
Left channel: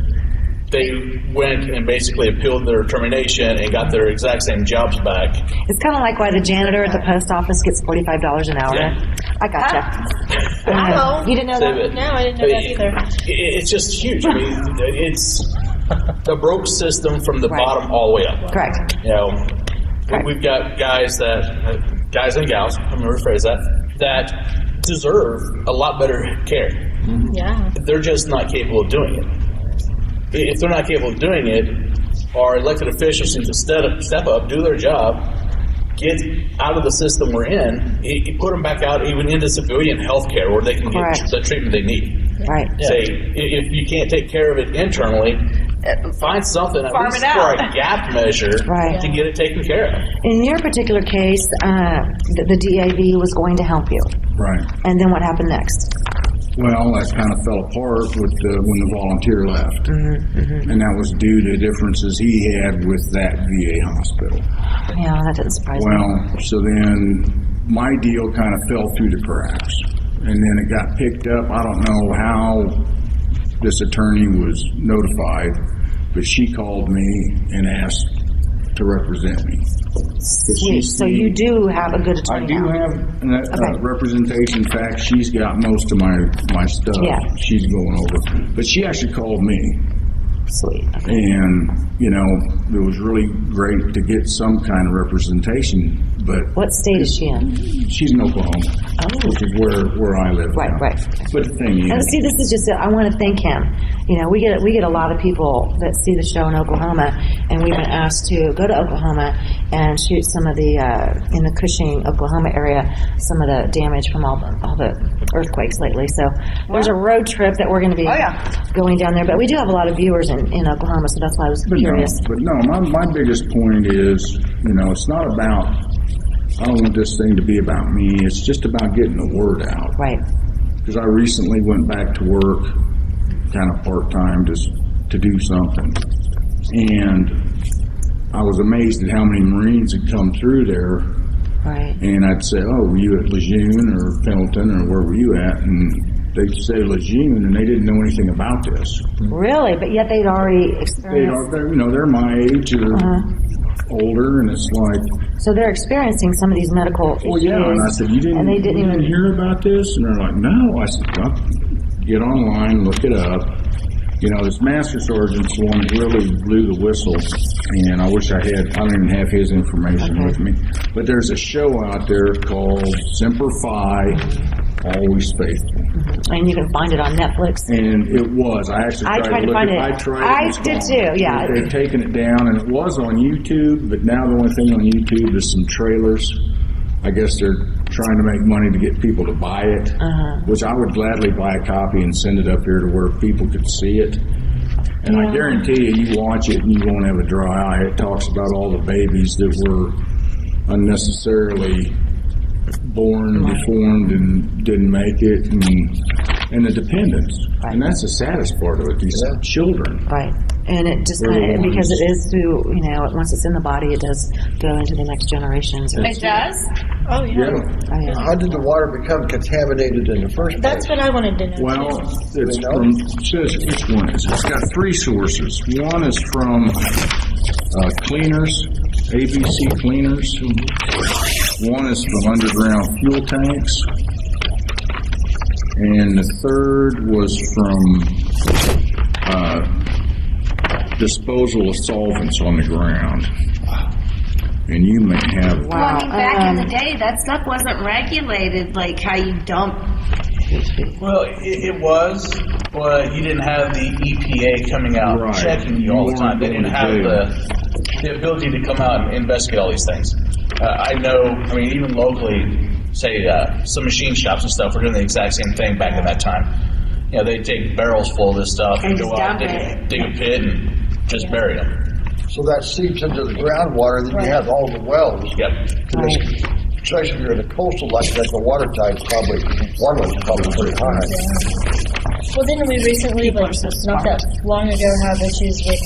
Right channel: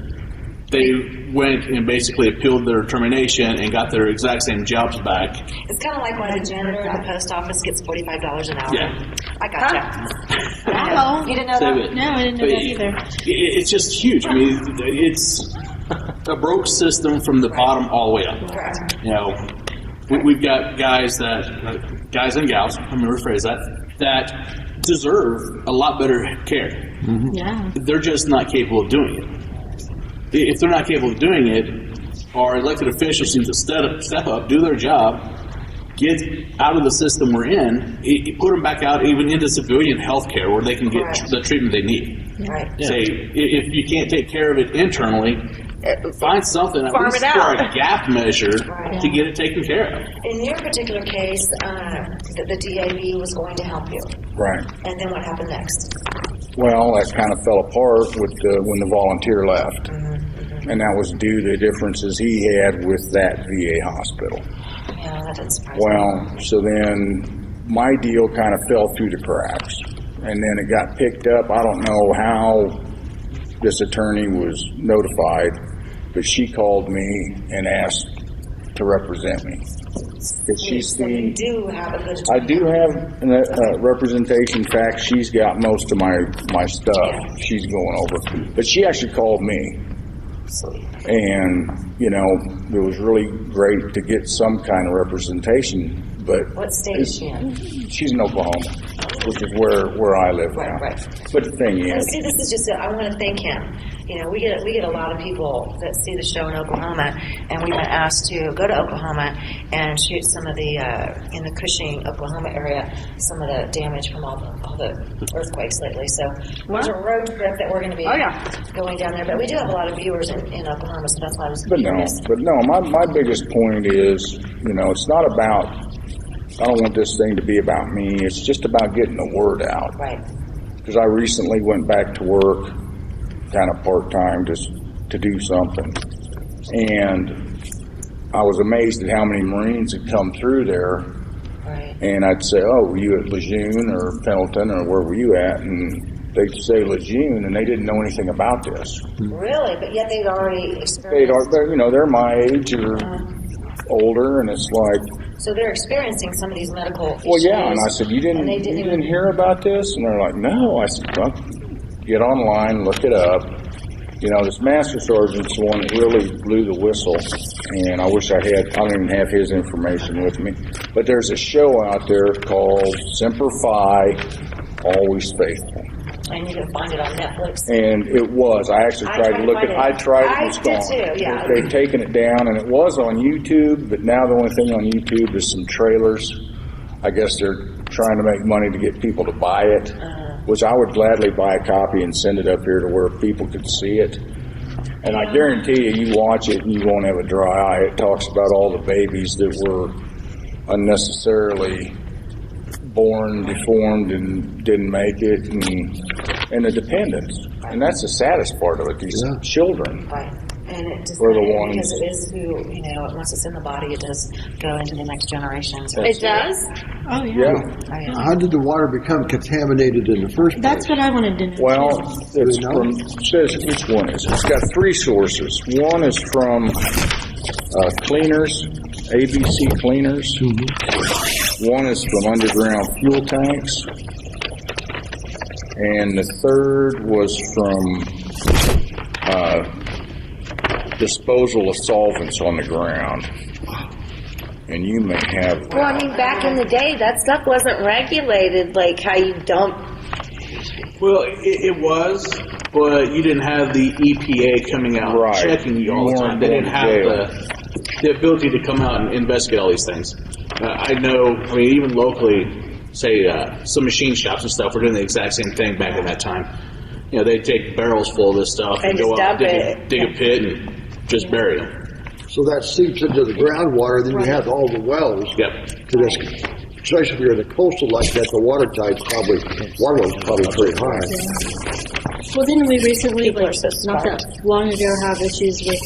they went and basically appealed their termination and got their exact same jobs back. It's kind of like why the janitor at the post office gets $45 an hour. Yeah. I gotcha. Wow. You didn't know that? No, I didn't know that either. It's just huge. I mean, it's a broke system from the Right. bottom all the way up. Correct. You know, we've got guys and gals, I'm going to rephrase that deserve a lot better care. Yeah. They're just not capable of doing it. If they're not capable of doing it, our elected officials need to step up, do their job, get out of the system we're in, put them back out even into civilian health care where they can get Correct. the treatment they need. Right. Say, if you can't take care of it internally, find something at Farm least it for out. a gap measure Right. to get it taken care of. In your particular case, the DAV was going to help you. Right. And then what happened next? Well, that kind of fell apart with when the volunteer left. And that was due to differences he had with that VA hospital. Yeah, that didn't surprise me. Well, so then my deal kind of fell through the cracks. And then it got picked up. I don't know how this attorney was notified, but she called me and asked to represent me. So you do have a good I attorney do now. have representation. In fact, she's got most of my stuff. Yeah. She's going over. But she actually called me. Sweet. And, it was really great to get some kind of representation. But What state is she in? she's in Oklahoma, which is where I live. Right, now. right. But the thing And is, see, this is just, I want to thank him. You know, we get a lot of people that see the show in Oklahoma, and we've been asked to go to Oklahoma and shoot some of the, in the Cushing, Oklahoma area, some of the damage from all the earthquakes lately. So there's a road trip that we're going to be going down there. But we do have a lot of viewers in Oklahoma, so that's why I was curious. my biggest point is, you know, it's not about, I don't want this thing to be about me. It's just about getting the word out. Right. Because I recently went back to work, kind of part-time, just to do something. And I was amazed at how many Marines had come through there. Right. And I'd say, oh, were you at Lejeune or Pendleton or where were you at? And they'd say Lejeune, and they didn't know anything about this. Really? But yet they'd already experienced. They're my age or older, and it's like. So they're experiencing some of these medical issues. Well, yeah, and I said, you didn't hear about this? And they're like, no. I said, well, get online, look it up. You know, this master sergeant's the one that really blew the whistle, and I wish I don't even have his information with me. But there's a show out there called Semper Fi, Always Faithful. And you can find it on Netflix. And it was. I actually tried to look at it. I tried it. I did too, yeah. They've taken it down, and it was on YouTube, but now the only thing on YouTube is some trailers. I guess they're trying to make money to get people to buy it, which I would gladly buy a copy and send it up here to where people could see it. And I guarantee you watch it and you won't have a dry eye. It talks about all the babies that were unnecessarily born deformed and didn't make it, and the dependents. And that's the saddest part of it, these children. Right. And it just We're the kind of, ones. because it is through, you know, once it's in the body, it does go into the next generations. It does? Oh, yeah. Yeah. Oh, yeah. How did the water become contaminated in the first place? That's what I wanted to know. Well, too. it's from, it says which one is it? It's got three sources. One is from cleaners, ABC cleaners. One is from underground fuel tanks. And the third was from disposal of solvents on the ground. And you may have... Well, I mean, back in the day, that stuff wasn't regulated, like how you dump. Well, it was, but you didn't have the EPA coming out Right. checking you all the time. They didn't have the ability to come out and investigate all these things. I know, I mean, even locally, say some machine shops and stuff were doing the exact same thing back at that time. You know, they'd take barrels full of this stuff And go just out, dump it. dig a pit, and just bury them. So that seeps into the groundwater, then you have all the wells. Yep. Because especially if you're in a coastal like that, the water level's probably pretty high. Well, didn't we recently, People like, are so not that long ago, have issues with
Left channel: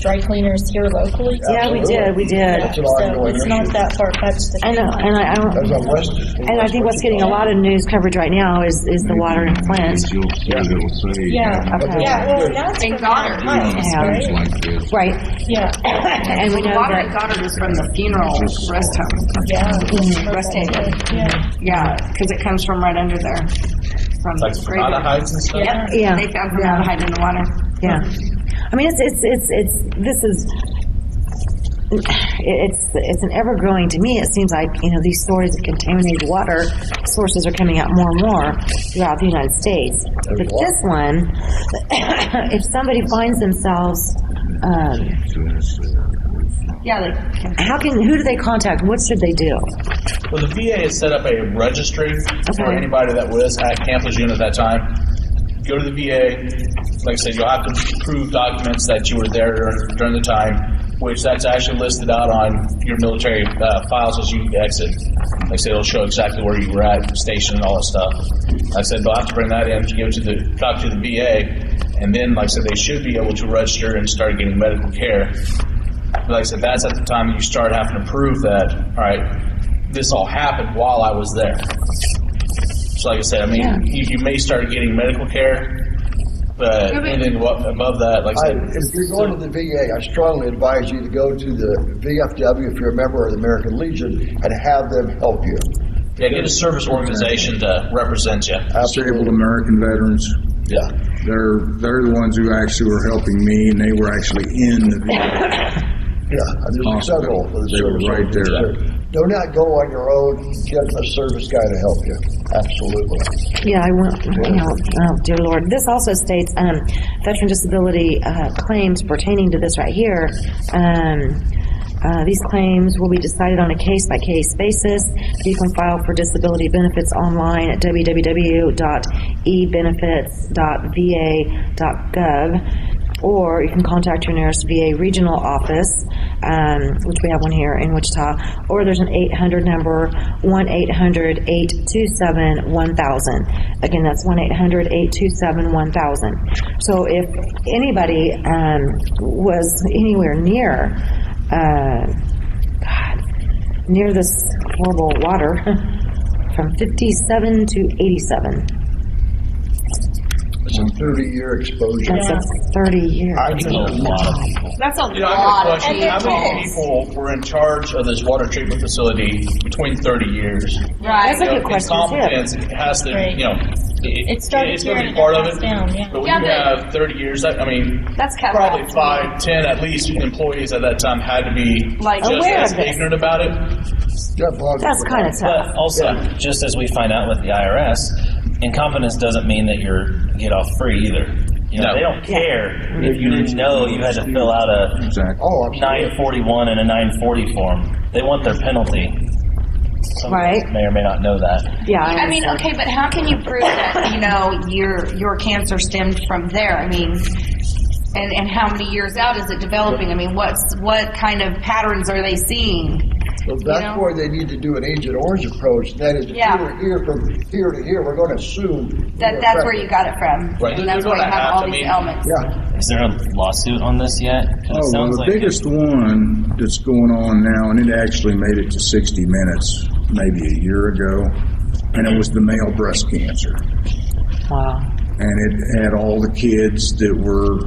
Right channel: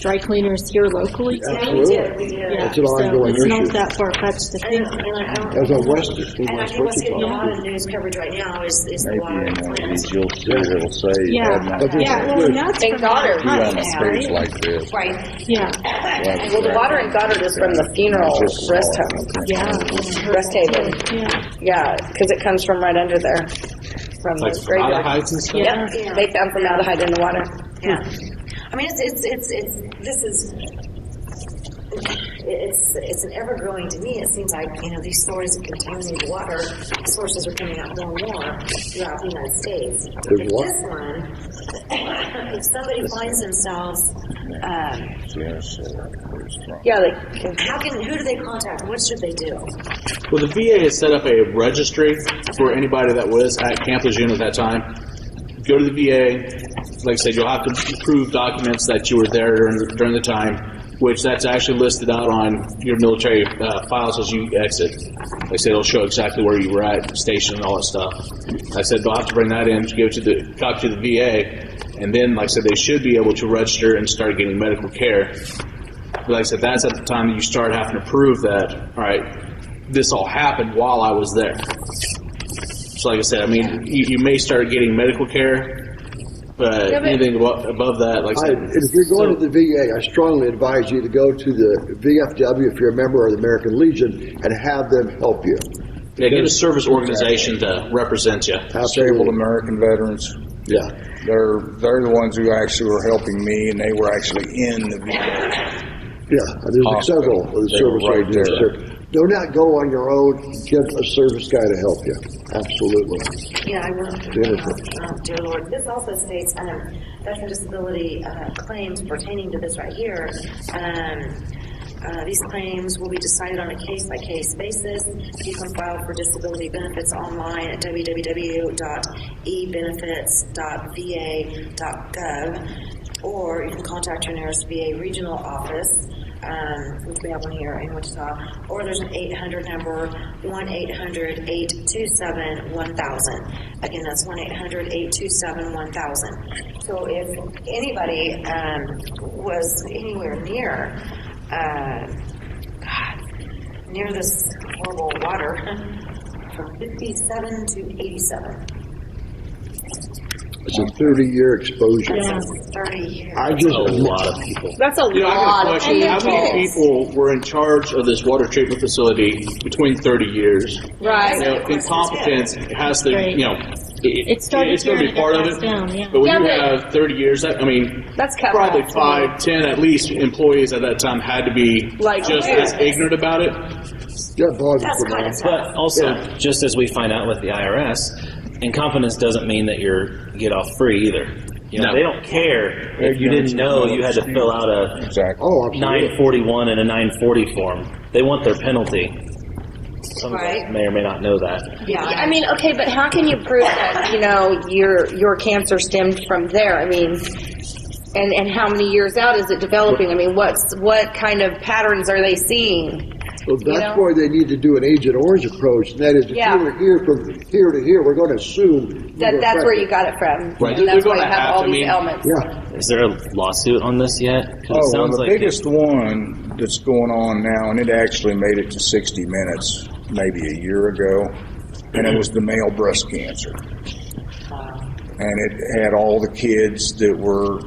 dry cleaners here locally? Yeah, we did. We did. That's an ongoing it's issue. not that far-fetched to I think. know, and I don't. That's on West. And I think what's getting a lot of news coverage right now is the water in plants. You'll see it'll say... Yeah. Okay. Yeah, well, and that's In from Goddard. pipes, Yeah. right? like this. Right. Yeah. And we The know water that- at Goddard is from the funeral rest home. Yeah. Rest haven. Yeah. Yeah, because it comes from right under there. From Like the graveyard. formaldehydes and stuff? Yep. Yeah. They found formaldehyde in the water. Yeah. I mean, it's an ever-growing, to me, it seems like, you know, these stories of contaminated water sources are coming out more and more throughout the United States. But this one, if somebody finds themselves, Yeah, like who do they contact? What should they do? Well, the VA has set up a registry for anybody that was at Camp Lejeune at that time. Go to the VA. Like I said, you'll have to prove documents that you were there during the time, which that's actually listed out on your military files as you exit. Like I said, it'll show exactly where you were at, station, and all that stuff. Like I said, they'll have to bring that in to give it to the copy to the VA, and then, like I said, they should be able to register and start getting medical care. But like I said, that's at the time that you start having to prove that, all right, this all happened while I was there. So like I said, I mean, you may start getting medical care, but anything above that, like I said, If you're going to the VA, I strongly advise you to go to the VFW, if you're a member of the American Legion, and have them help you. yeah, get a service organization to represent you. Disabled American veterans. Yeah. They're the ones who actually were helping me, and they were actually in the VA. Yeah, there's several of the They were service right there. organizations. Do not go on your own. get a service guy to help you. Absolutely. Yeah, I went, oh, dear Lord. This also states, veteran disability, claims pertaining to this right here. These claims will be decided on a case-by-case basis. You can file for disability benefits online at www.ebenefits.va.gov, or you can contact your nearest VA regional office, which we have one here in Wichita, or there's an 800 number, 1-800-827-1000. Again, that's 1-800-827-1000. So if anybody was anywhere near near this horrible water from 57 to 87. It's a 30-year exposure. That's 30 years. I just, That's a Yeah, I lot got a of question. How many kids. people were in charge of this water treatment facility between 30 years? Right. That's a good question, too. Incompetence has to, Right. it started it's going to here be and part it of passed it. down, yeah. But when Yeah, you but- have 30 years, I mean, That's capital. probably 5, 10 at least employees at that time had to be Like, just aware as of this. ignorant about it. that bothers That's me. kind of tough. But also, just as we find out with the IRS, incompetence doesn't mean that you're get off free either. No. They don't care if you didn't know you had to fill out a Exactly. Oh, absolutely. 941 and a 940 form. They want their penalty. Some Right. may or may not know that. Yeah. I mean, okay, but how can you prove that, your cancer stemmed from there? I mean, and how many years out is it developing? I mean, what kind of patterns are they seeing? So that's know? why they need to do an Agent Orange approach. That is, if Yeah. you were here from here to here, we're going to assume. That's where you got it from. Right. And that's They're why you gonna have have all to these be- elements. Yeah. Is there a lawsuit on this yet? 'Cause it Oh, well, sounds the like biggest one that's going on now, and it actually made it to 60 Minutes maybe a year ago, and it was the male breast cancer. Wow. And it had all the kids that were,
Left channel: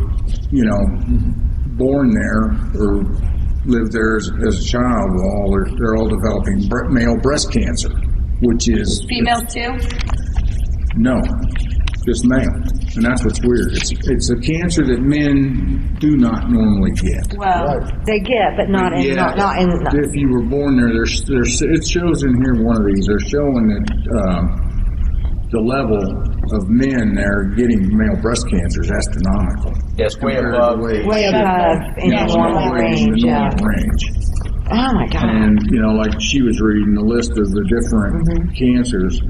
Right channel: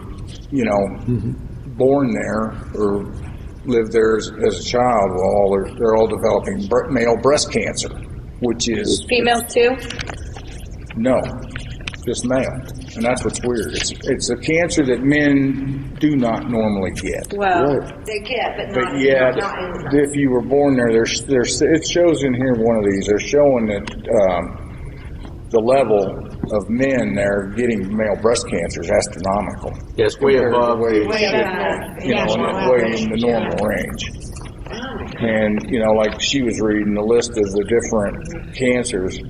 born there or lived there as a child. Well, they're all developing male breast cancer, which is Females too? no, just male. And that's what's weird. It's a cancer that men do not normally get. Well, Right. They get, but not in, Yeah, not in. if you were born there, it shows in here one of these. They're showing that the level of men there getting male breast cancer is astronomical. Yeah, it's way above. Way above You know, normal way in the range, yeah. normal range. Oh my God. And, like she was reading the list of the different cancers.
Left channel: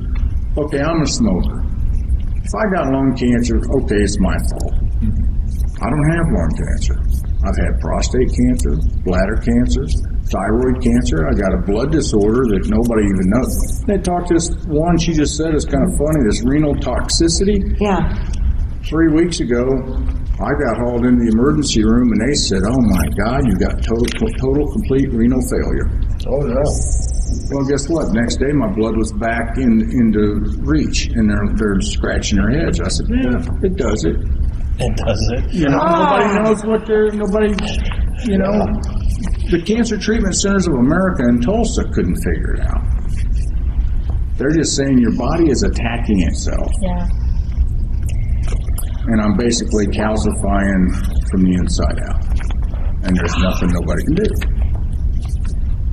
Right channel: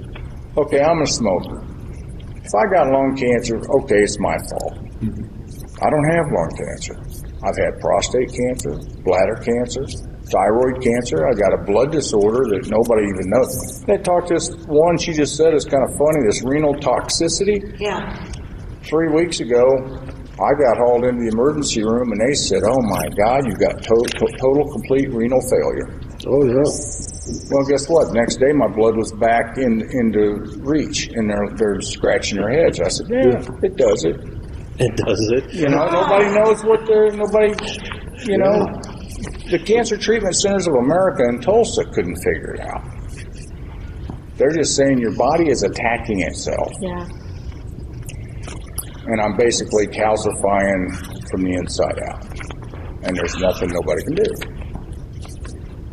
Okay, I'm a smoker. If I got lung cancer, okay, it's my fault. I don't have lung cancer. I've had prostate cancer, bladder cancer, thyroid cancer. I got a blood disorder that nobody even knows. They talked to this one, she just said, it's kind of funny, this renal toxicity. Yeah. 3 weeks ago, I got hauled into the emergency room and they said, oh my God, you've got total complete renal failure. Oh, yeah. Well, guess what? Next day, my blood was back into reach, and they're scratching their heads. I said, yeah, it does it. it does it. Nobody knows what the Cancer Treatment Centers of America in Tulsa couldn't figure it out. They're just saying your body is attacking itself, Yeah. and I'm basically calcifying from the inside out, and there's nothing nobody can do.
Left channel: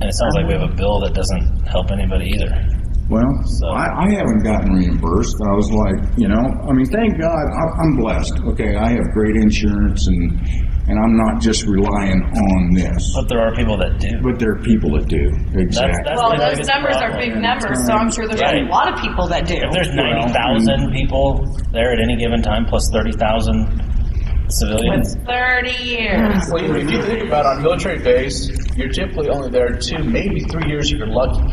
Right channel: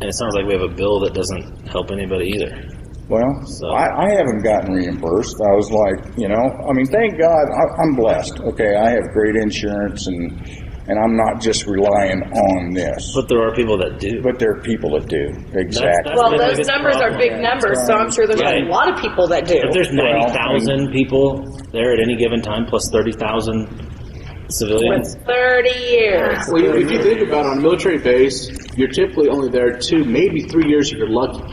And it sounds like we have a bill that doesn't help anybody either. Well, I haven't gotten reimbursed. I was like, thank God, I'm blessed. Okay, I have great insurance, and I'm not just relying on this. But there are people that do. But there are people that do, exactly. That- well, I mean, those it's numbers are big numbers, so I'm sure there's a lot of people that do. If there's 90,000 people there at any given time, plus 30,000 civilians. 30 years. Well, if you think about it, on a military base, you're typically only there 2, maybe 3 years if you're lucky.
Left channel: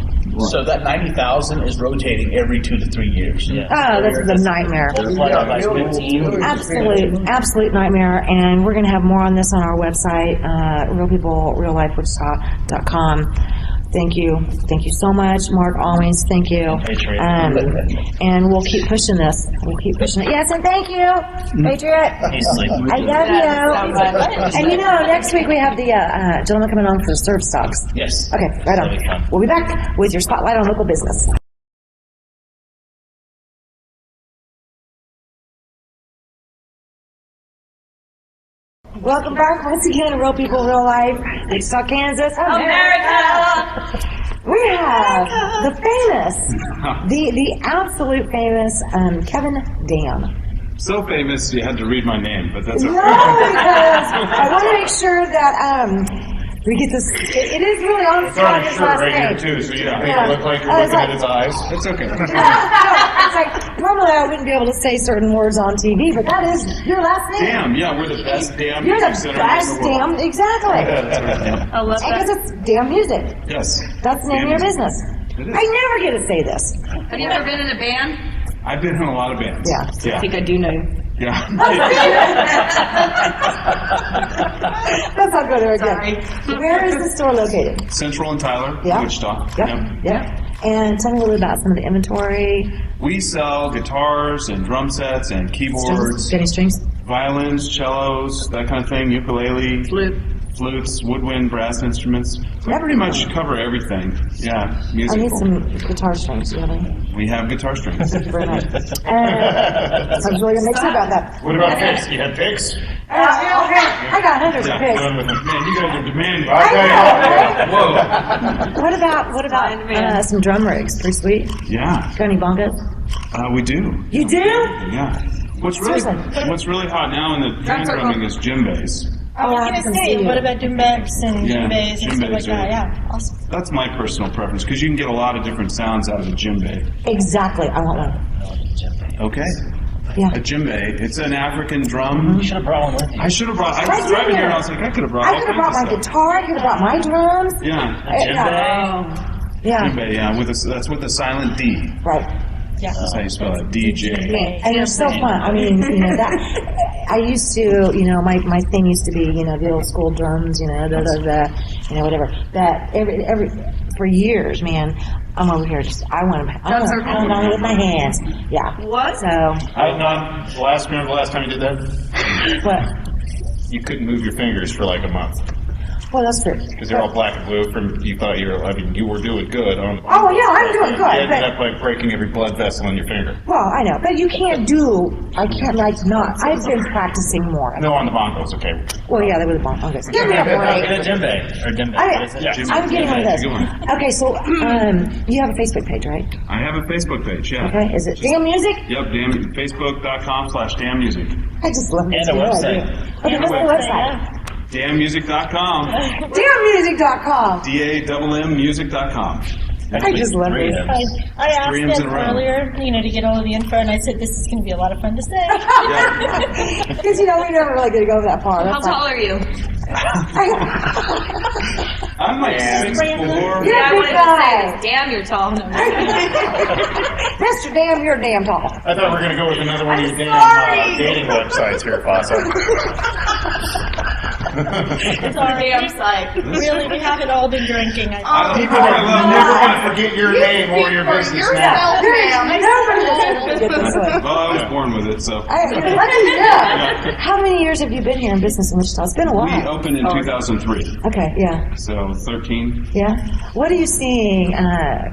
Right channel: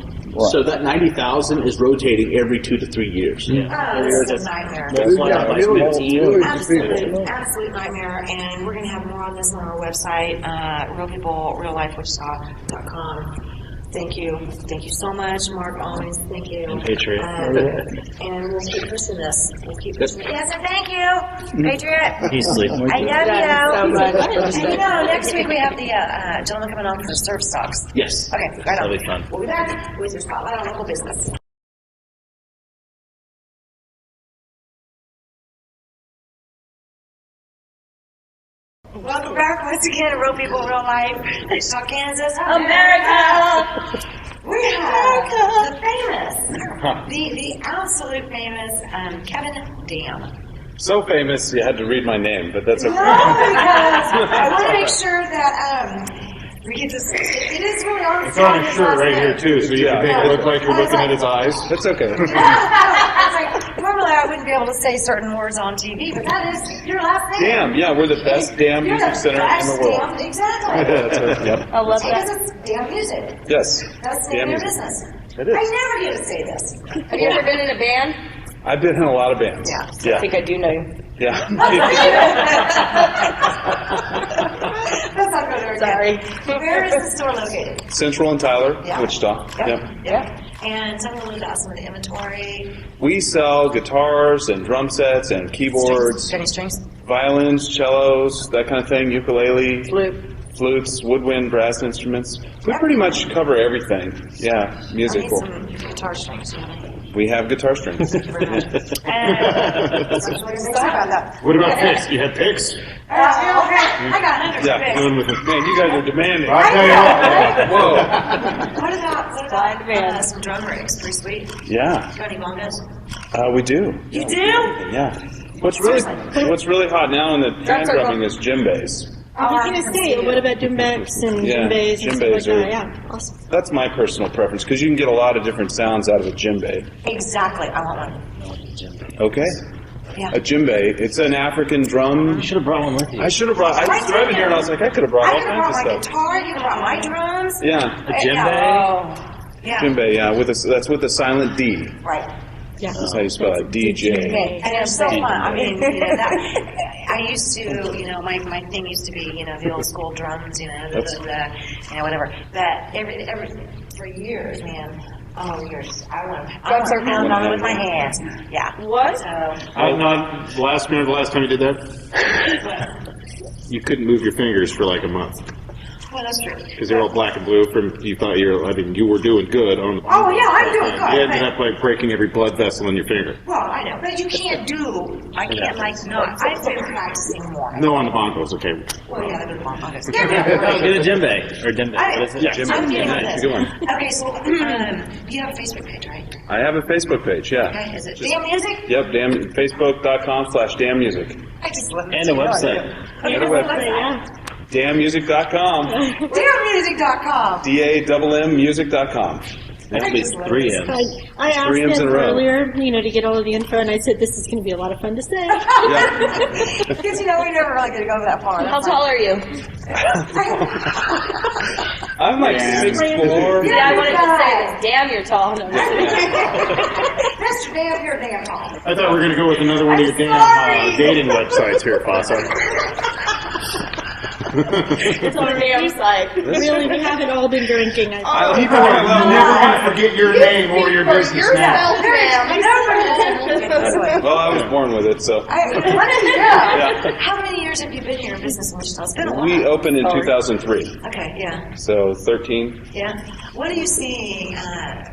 So that 90,000 is rotating every 2 to 3 years. Oh, this is a nightmare. That's why Yeah, like millions 15. Absolute nightmare. And we're going to have more on this on our website, realpeoplreallifewichita.com. Thank you. Thank you so much, Mark. Always thank you. Patriot. And we'll keep pushing this. We'll keep pushing it. Yes, and thank you, Patriot. Easily. I love That's you. so much. And next week we have the gentleman coming on for Serve Stocks. Yes. Okay, right on. Really fun. We'll be back with your spotlight on local business. Welcome back once again to Real People, Real Life, Wichita, Kansas, America! We have the famous, the absolute famous Kevin Dam. So famous, you had to read my name, but that's No, okay. because I want to make sure that we get this. It is really on. It's on his shirt right here too, so you can make it look like you're looking at his eyes. It's okay. Normally, I wouldn't be able to say certain words on TV, but that is your last name. Damn, yeah, we're the best damn You're the music center best in the world. damn, exactly. Yep. I love Because that. it's damn music. Yes. That's the name of your business. It is. I never get to say this. Have you ever been in a band? I've been in a lot of bands. Yeah. I think I do know you. Yeah. That's not good. Sorry. Where is the store located? Central and Tyler, Yeah. Wichita. Yep. Yep. And tell me a little about some of the inventory. We sell guitars and drum sets and keyboards, Any strings? violins, cellos, that kind of thing, ukulele, flutes, woodwind, brass instruments. We pretty much cover everything. Yeah, I need musical. some guitar strings, really. We have guitar strings. Thank you very much. And I'm really going to make sure about that. What about picks? You have picks? Okay, I got hundreds of picks. Going with them. Man, you guys are demanding. I know. Whoa. What about some drum rigs? Pretty sweet. Yeah, Got any bongos? we do. You do? Yeah. What's really hot now in the band drumming is djembes. I was going to say, what about djembes and Yeah, djembes and stuff djembes like that? are- Yeah, awesome. That's my personal preference because you can get a lot of different sounds out of a djembe. Exactly. I want one. Okay. Yeah. A djembe. It's an African drum. You should have brought one with you. I should have brought. I Right was driving here. here and I was like, I could have brought I all could have kinds brought my of stuff. guitar. I could have brought my drums. Yeah. Yeah. Djembe. Yeah. That's with the silent D. Right. Yeah. How you spell it? DJ. And they're so fun. I mean, that. I used to, my thing used to be, the old school drums, whatever. That every for years, man. I'm over here just I want to pound on it with my hands. Yeah. What? So Remember the last time you did that? what? You couldn't move your fingers for like a month Well, that's true. because they're all black and blue. You thought you were doing good on the. Oh yeah, I'm doing good. You ended but- up like breaking every blood vessel in your finger. Well, I know, but you can't I can't not. I've been practicing more. No, on the bongos. Okay. Well, yeah, they were the bongos. Give me a break. Get a djembe. Or djembe. What is it? Yeah. I'm getting on this. Good one. Okay, so you have a Facebook page, right? I have a Facebook page. Yeah. Okay, is it Damn Music? Yep. Facebook.com/damnmusic. I just love it. And a website. Okay, what's the website? Damnmusic.com. DamnMusic.com. DAMMmusic.com. I just love Three this. M's. I asked 3 M's in them a row. earlier, to get all of the info, and I said, this is going to be a lot of fun to say. Because, we never really get to go that far. How tall are you? I'm like 6'4". Yeah, I wanted to guy. say this. Damn, you're tall. No, That's damn, you're damn tall. I thought we were going to go with another one of your damn sorry. dating websites here, Fassa. damn sight. Really, we haven't all been drinking. People are never going to forget your name or your business name. Well, I was born with it, so. Yeah. How many years have you been here in business in Wichita? It's been a while. We opened in 2003, Okay, yeah. so 13. Yeah. What are you seeing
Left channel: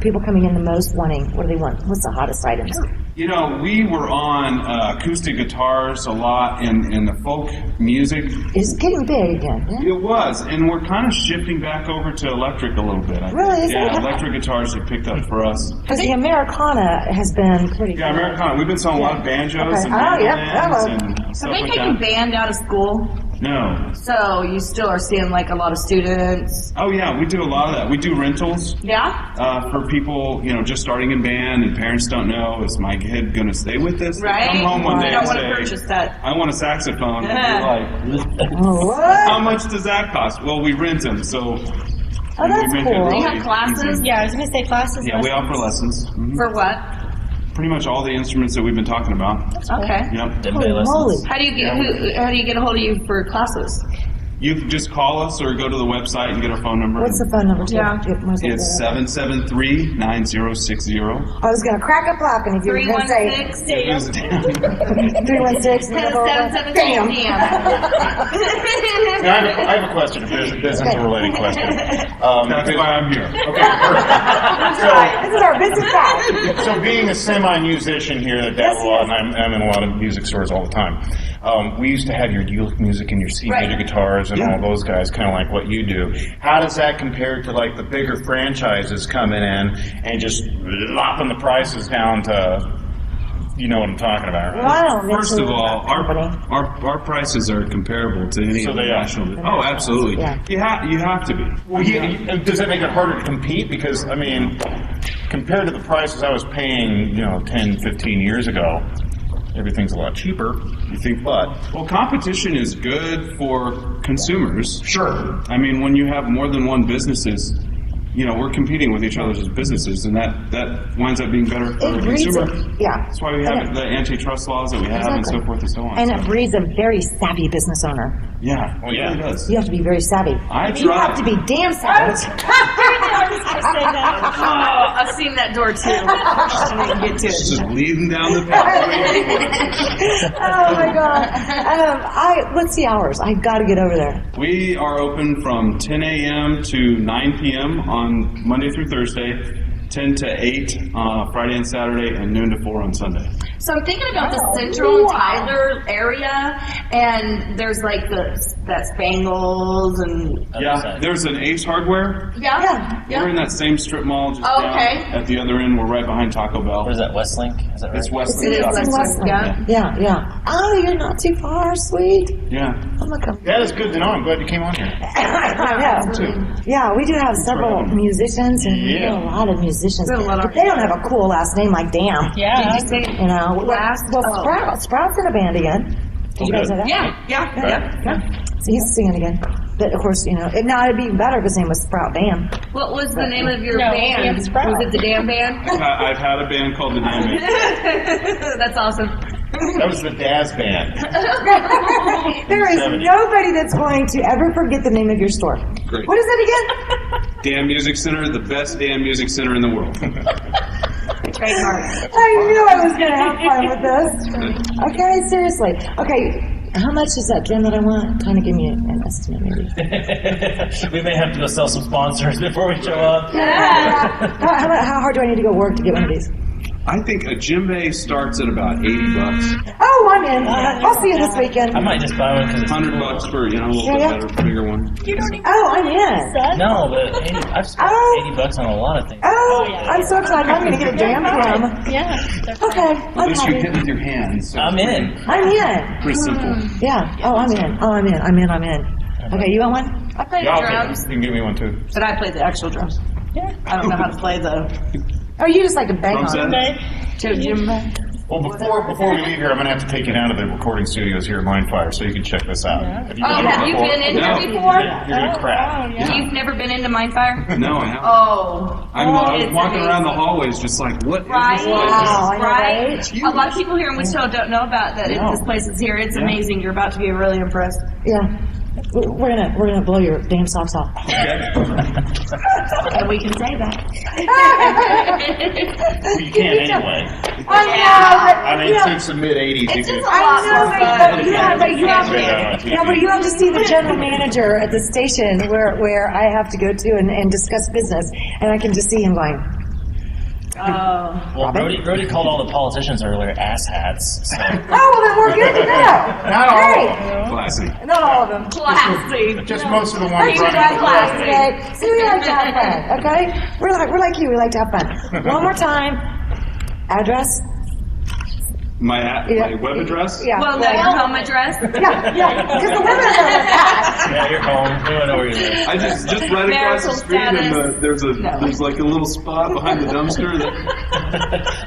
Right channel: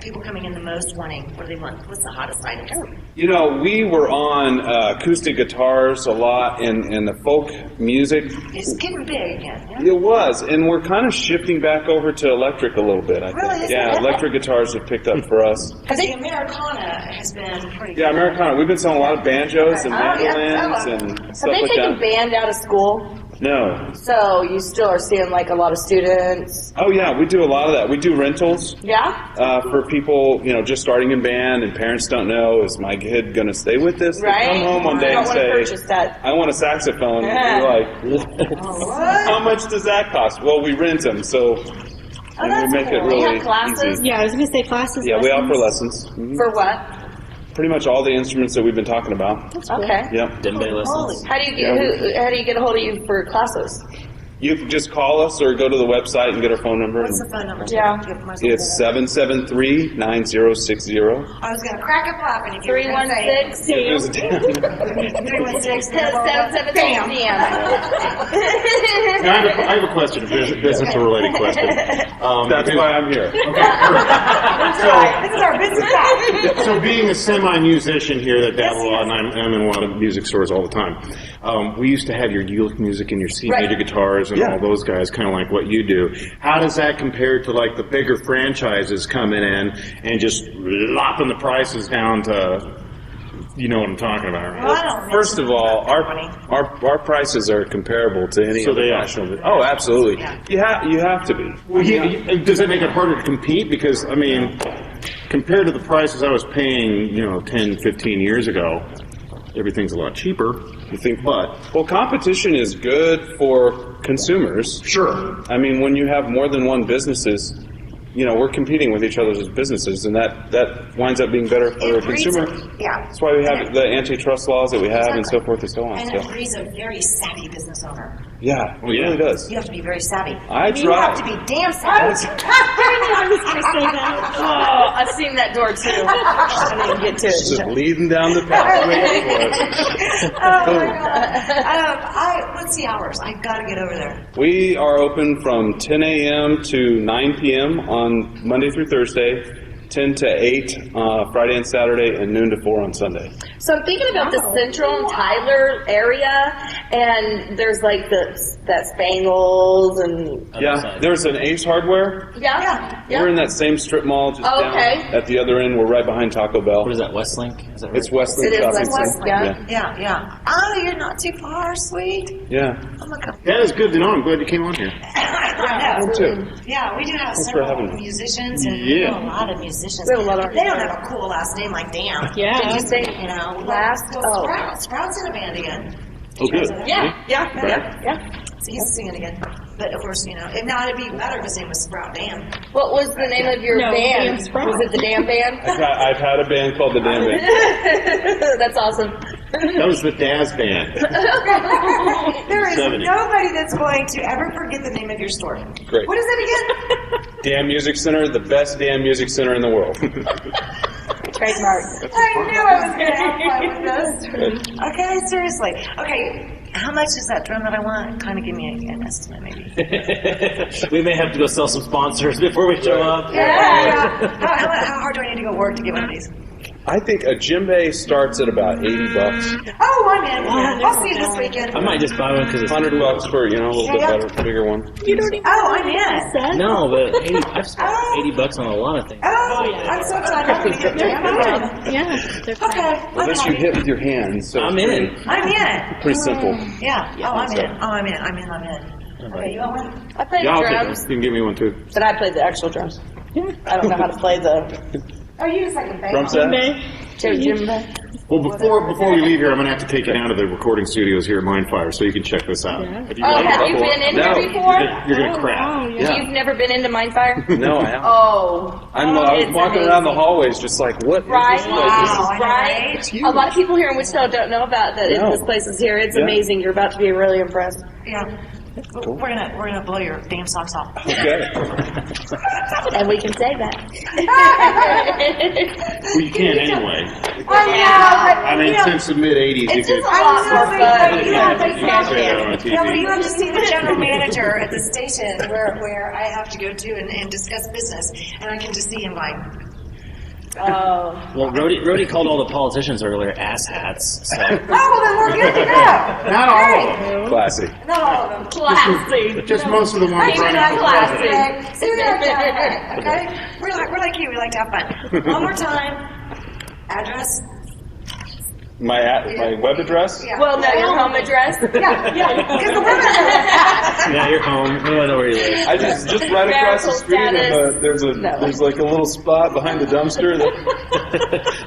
people coming in the most wanting? What do they want? What's the hottest items? We were on acoustic guitars a lot in the folk music. It's getting big again. Yeah? It was, and we're kind of shifting back over to electric a little bit. I think. Really? Yeah, electric guitars have picked up for us. I think Americana has been pretty Yeah, good. Americana. We've been selling a lot of banjos and Okay. Oh, yeah. mandolins Hello. and Have stuff they like taken that. band out of school? No. So you still are seeing like a lot of students. Oh yeah, we do a lot of that. We do rentals Yeah? for people, just starting in band, and parents don't know, is my kid going to stay with this? They Right? come home one day You don't and want to say, purchase that. I want a saxophone. Yeah. And we're like, Oh, what? how much does that cost? Well, we rent them, so and we that's make it cool. really They have classes? easy. Yeah, I was going to say classes. Yeah, we lessons. offer lessons. Mhm. For what? Pretty much all the instruments that we've been talking about. Okay. Yep. Djembe lessons. How do you get a hold of you for classes? You can just call us or go to the website and get our phone number. What's the phone number? Yeah. It's 773-9060. I was going to crack up laughing if you were going to say 316 316. 772 Now, I have a question, a business-related question. That's why I'm here. This is our business guy. So being a semi-musician here that dabble a lot, and I'm in a lot of music stores all the time, we used to have your Ulick Music and your C Right. major guitars and all those guys, kind of like what you do. How does that compare to like the bigger franchises coming in and just lopping the prices down to, you know what I'm talking about, right? Well, I don't First mention of all, that company. our prices are comparable to any So they are. national. Oh, absolutely. Yeah. You have to be. Well, does that make it harder to compete? Because, I mean, compared to the prices I was paying, 10, 15 years ago, everything's a lot cheaper. You think, but Well, competition is good for consumers. sure. I mean, when you have more than one businesses, we're competing with each other as businesses, and that winds up being better for the It breeds consumer. yeah. That's why we have the antitrust laws that we have and so forth and so on. And So, it breeds a very savvy business owner. yeah, Well, it yeah. really does. You have to be very savvy. I You have to try. be damn savvy. I was going to say that. Oh, I've seen that door too. I didn't get to Just it. leading down the pathway. Oh my god. What's the hours? I got to get over there. We are open from 10 a.m. to 9 p.m. on Monday through Thursday, 10 to 8 Friday and Saturday, and noon to 4 on Sunday. So I'm thinking about the Central and Tyler area, and there's like that Spangles and Yeah, there's an Ace Hardware. yeah. We're in that same strip mall just Oh, down okay. at the other end. We're right behind Taco Bell. What is that, Westlink? Is that right? It's Westlink. It is Shopping. Westlink. Yeah. Yeah. Oh, you're not too far, sweet. Yeah. I'm gonna come. That is good to know. I'm glad you came on here. Yeah, we do have several musicians, and we have a lot of musicians. We have a lot of- But they don't have a cool last name like Damn. Yeah. Did you say, Sprout's in a band again. Did you guys know that? Yeah. He's singing again. But of course, now it'd be better if his name was Sprout Dam. What was the name of your No, band? Damn Sprout. Was it the Damn Band? I've had a band called the Damn Band. That's awesome. That was the Daz Band. There is 70. nobody that's going to ever forget the name of your store. Great. What is it again? Dan Music Center, the best Dan Music Center in the world. Trademark. I knew I was going to have fun with this. Okay, seriously. Okay, how much is that drum that I want? Kind of give me an estimate, maybe. We may have to go sell some sponsors before we show up. Yeah. How hard do I need to go work to get one of these? I think a djembe starts at about $80. Oh, I'm in. I'll see you this weekend. I might just buy one because it's $100 for a little bit better, bigger one. Oh, I'm in. no, but 80, I've spent $80 on a lot of things. Oh, I'm so excited. I'm going to get a damn drum. Yeah. Okay, I'm Unless you happy. hit with your hand. So I'm in. I'm in. Pretty simple. Yeah. Oh, I'm in. Oh, I'm in. Okay, you want one? I play Yeah, the I'll take drums, it. You can give me one too. but I play the actual drums. I don't know how to play the Oh, you just like to bang Drum on set? it. djembe. Well, before we leave here, I'm going to have to take you down to the recording studios here at Mindfire so you can check this out. Yeah. Have you Oh, been have here you before? been in No. here before? You're going to crap. You've never been into Mindfire? No, I haven't. Oh. I'm It's walking amazing. around the hallways just like, what is Right, this Wow, I know, right. right? A lot of people here in Wichita don't know about that. No. This place is here. It's amazing. You're about to be really impressed. Yeah. We're gonna blow your damn socks off. And we can say that. Well, you can anyway. I know, I mean, since the mid-'80s, you It's could... just a lot more fun. but you have to see the general manager at the station where I have to go to and discuss business, and I can just see him going, Oh. Well, Brody called all the politicians earlier asshats. So. oh, well, then we're good to go. Not all of them. Classy. Not all of them. Classy. Just most of the ones You're running not for classy. president. See, we like to have fun, okay? We're like you. We like to have fun. One more time. Address? My web address? Yeah. Well, no, your home address. Yeah. Because the women are like that. Yeah, you're home. We don't know where you live. I just right across the Marital street, and status. there's like a little spot behind the dumpster.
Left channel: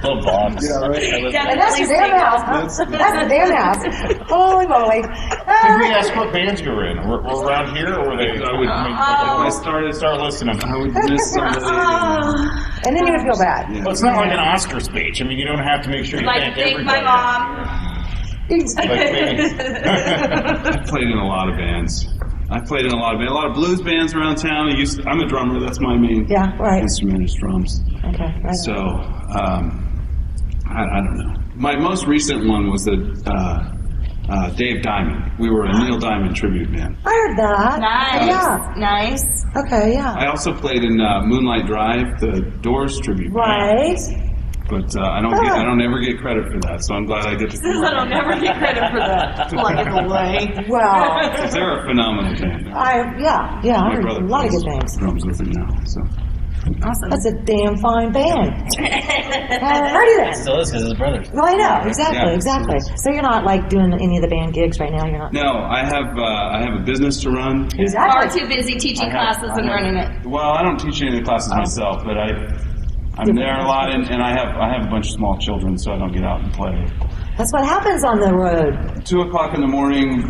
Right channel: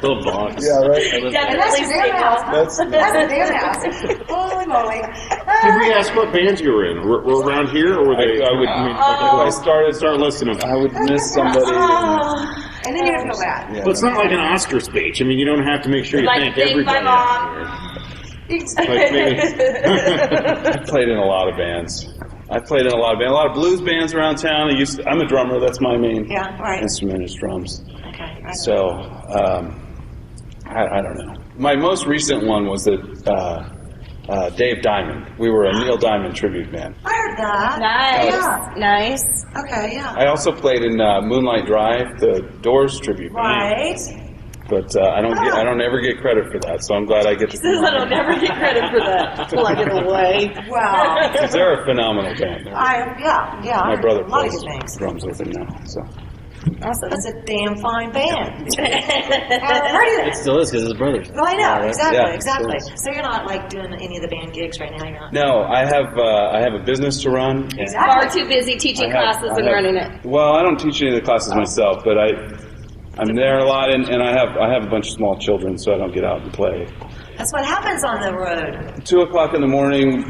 Little box. Yeah, right. Definitely That's a damn single. house. That's a damn house. Holy moly. Did we ask what bands you were in? Were around here, or were they? I would. I mean, start listening. I would miss somebody. And then you have to feel bad. Well, it's not like an Oscar speech. I mean, you don't have to make sure you Like, thank thank my everybody. mom. Like me. I played in a lot of bands. A lot of blues bands around town. I'm a drummer. That's my main Yeah, right. instrument is drums. Okay, right. So, I don't know. My most recent one was Dave Diamond. We were a Neil Diamond tribute band. I heard that. Nice. Yeah. Nice. Okay, yeah. I also played in Moonlight Drive, the Doors tribute band. Right. But I don't ever get credit for that, so I'm glad I get to. Says I don't never get credit for that. Plug it away. Well, Because they're a phenomenal band. yeah, I My heard brother a lot of plays good things. drums with them now. So Awesome. That's a damn fine band. I've heard of it. Still is because his brother. Well, I know, exactly, Yeah, exactly. So you're not like doing any of the band gigs right now. You're not. no, I have a business to run. Far too busy teaching classes and running it. Well, I don't teach any of the classes myself, but I'm there a lot, and I have a bunch of small children, so I don't get out and play. That's what happens on the road. 2:00 in the morning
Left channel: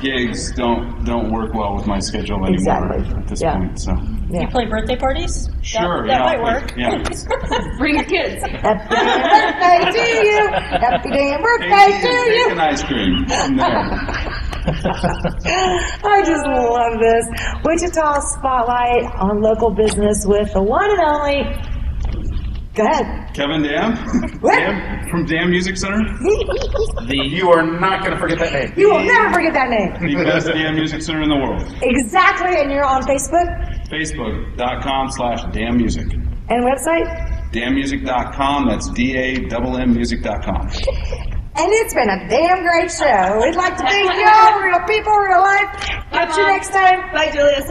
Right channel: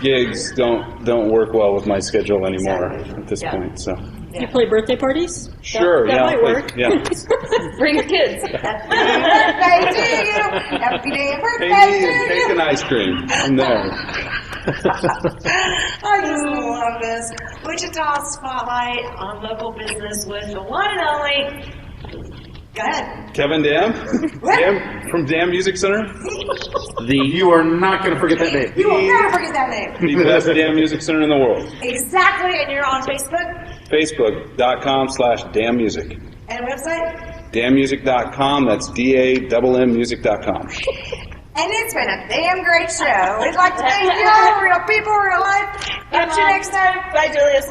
gigs don't work well with my schedule anymore Exactly. at this Yeah. point. So You play birthday parties? sure, That yeah, might I'll play- work. Yeah. Bring your kids. Happy birthday to you. Happy damn birthday Hey, to cake you. and ice cream. I'm there. I just love this. Wichita Spotlight on local business with the one and only. Go ahead. Kevin Dam? What? Dam from Dam Music Center? You are not going to forget that name. You will never forget that name. The best Dam Music Center in the world. Exactly, and you're on Facebook Facebook.com/Dam Music. and website. DamMusic.com, that's DAMM music.com. And it's been a damn great show. We'd like to thank you all, real people, real life. Catch you next time. Bye, Julius.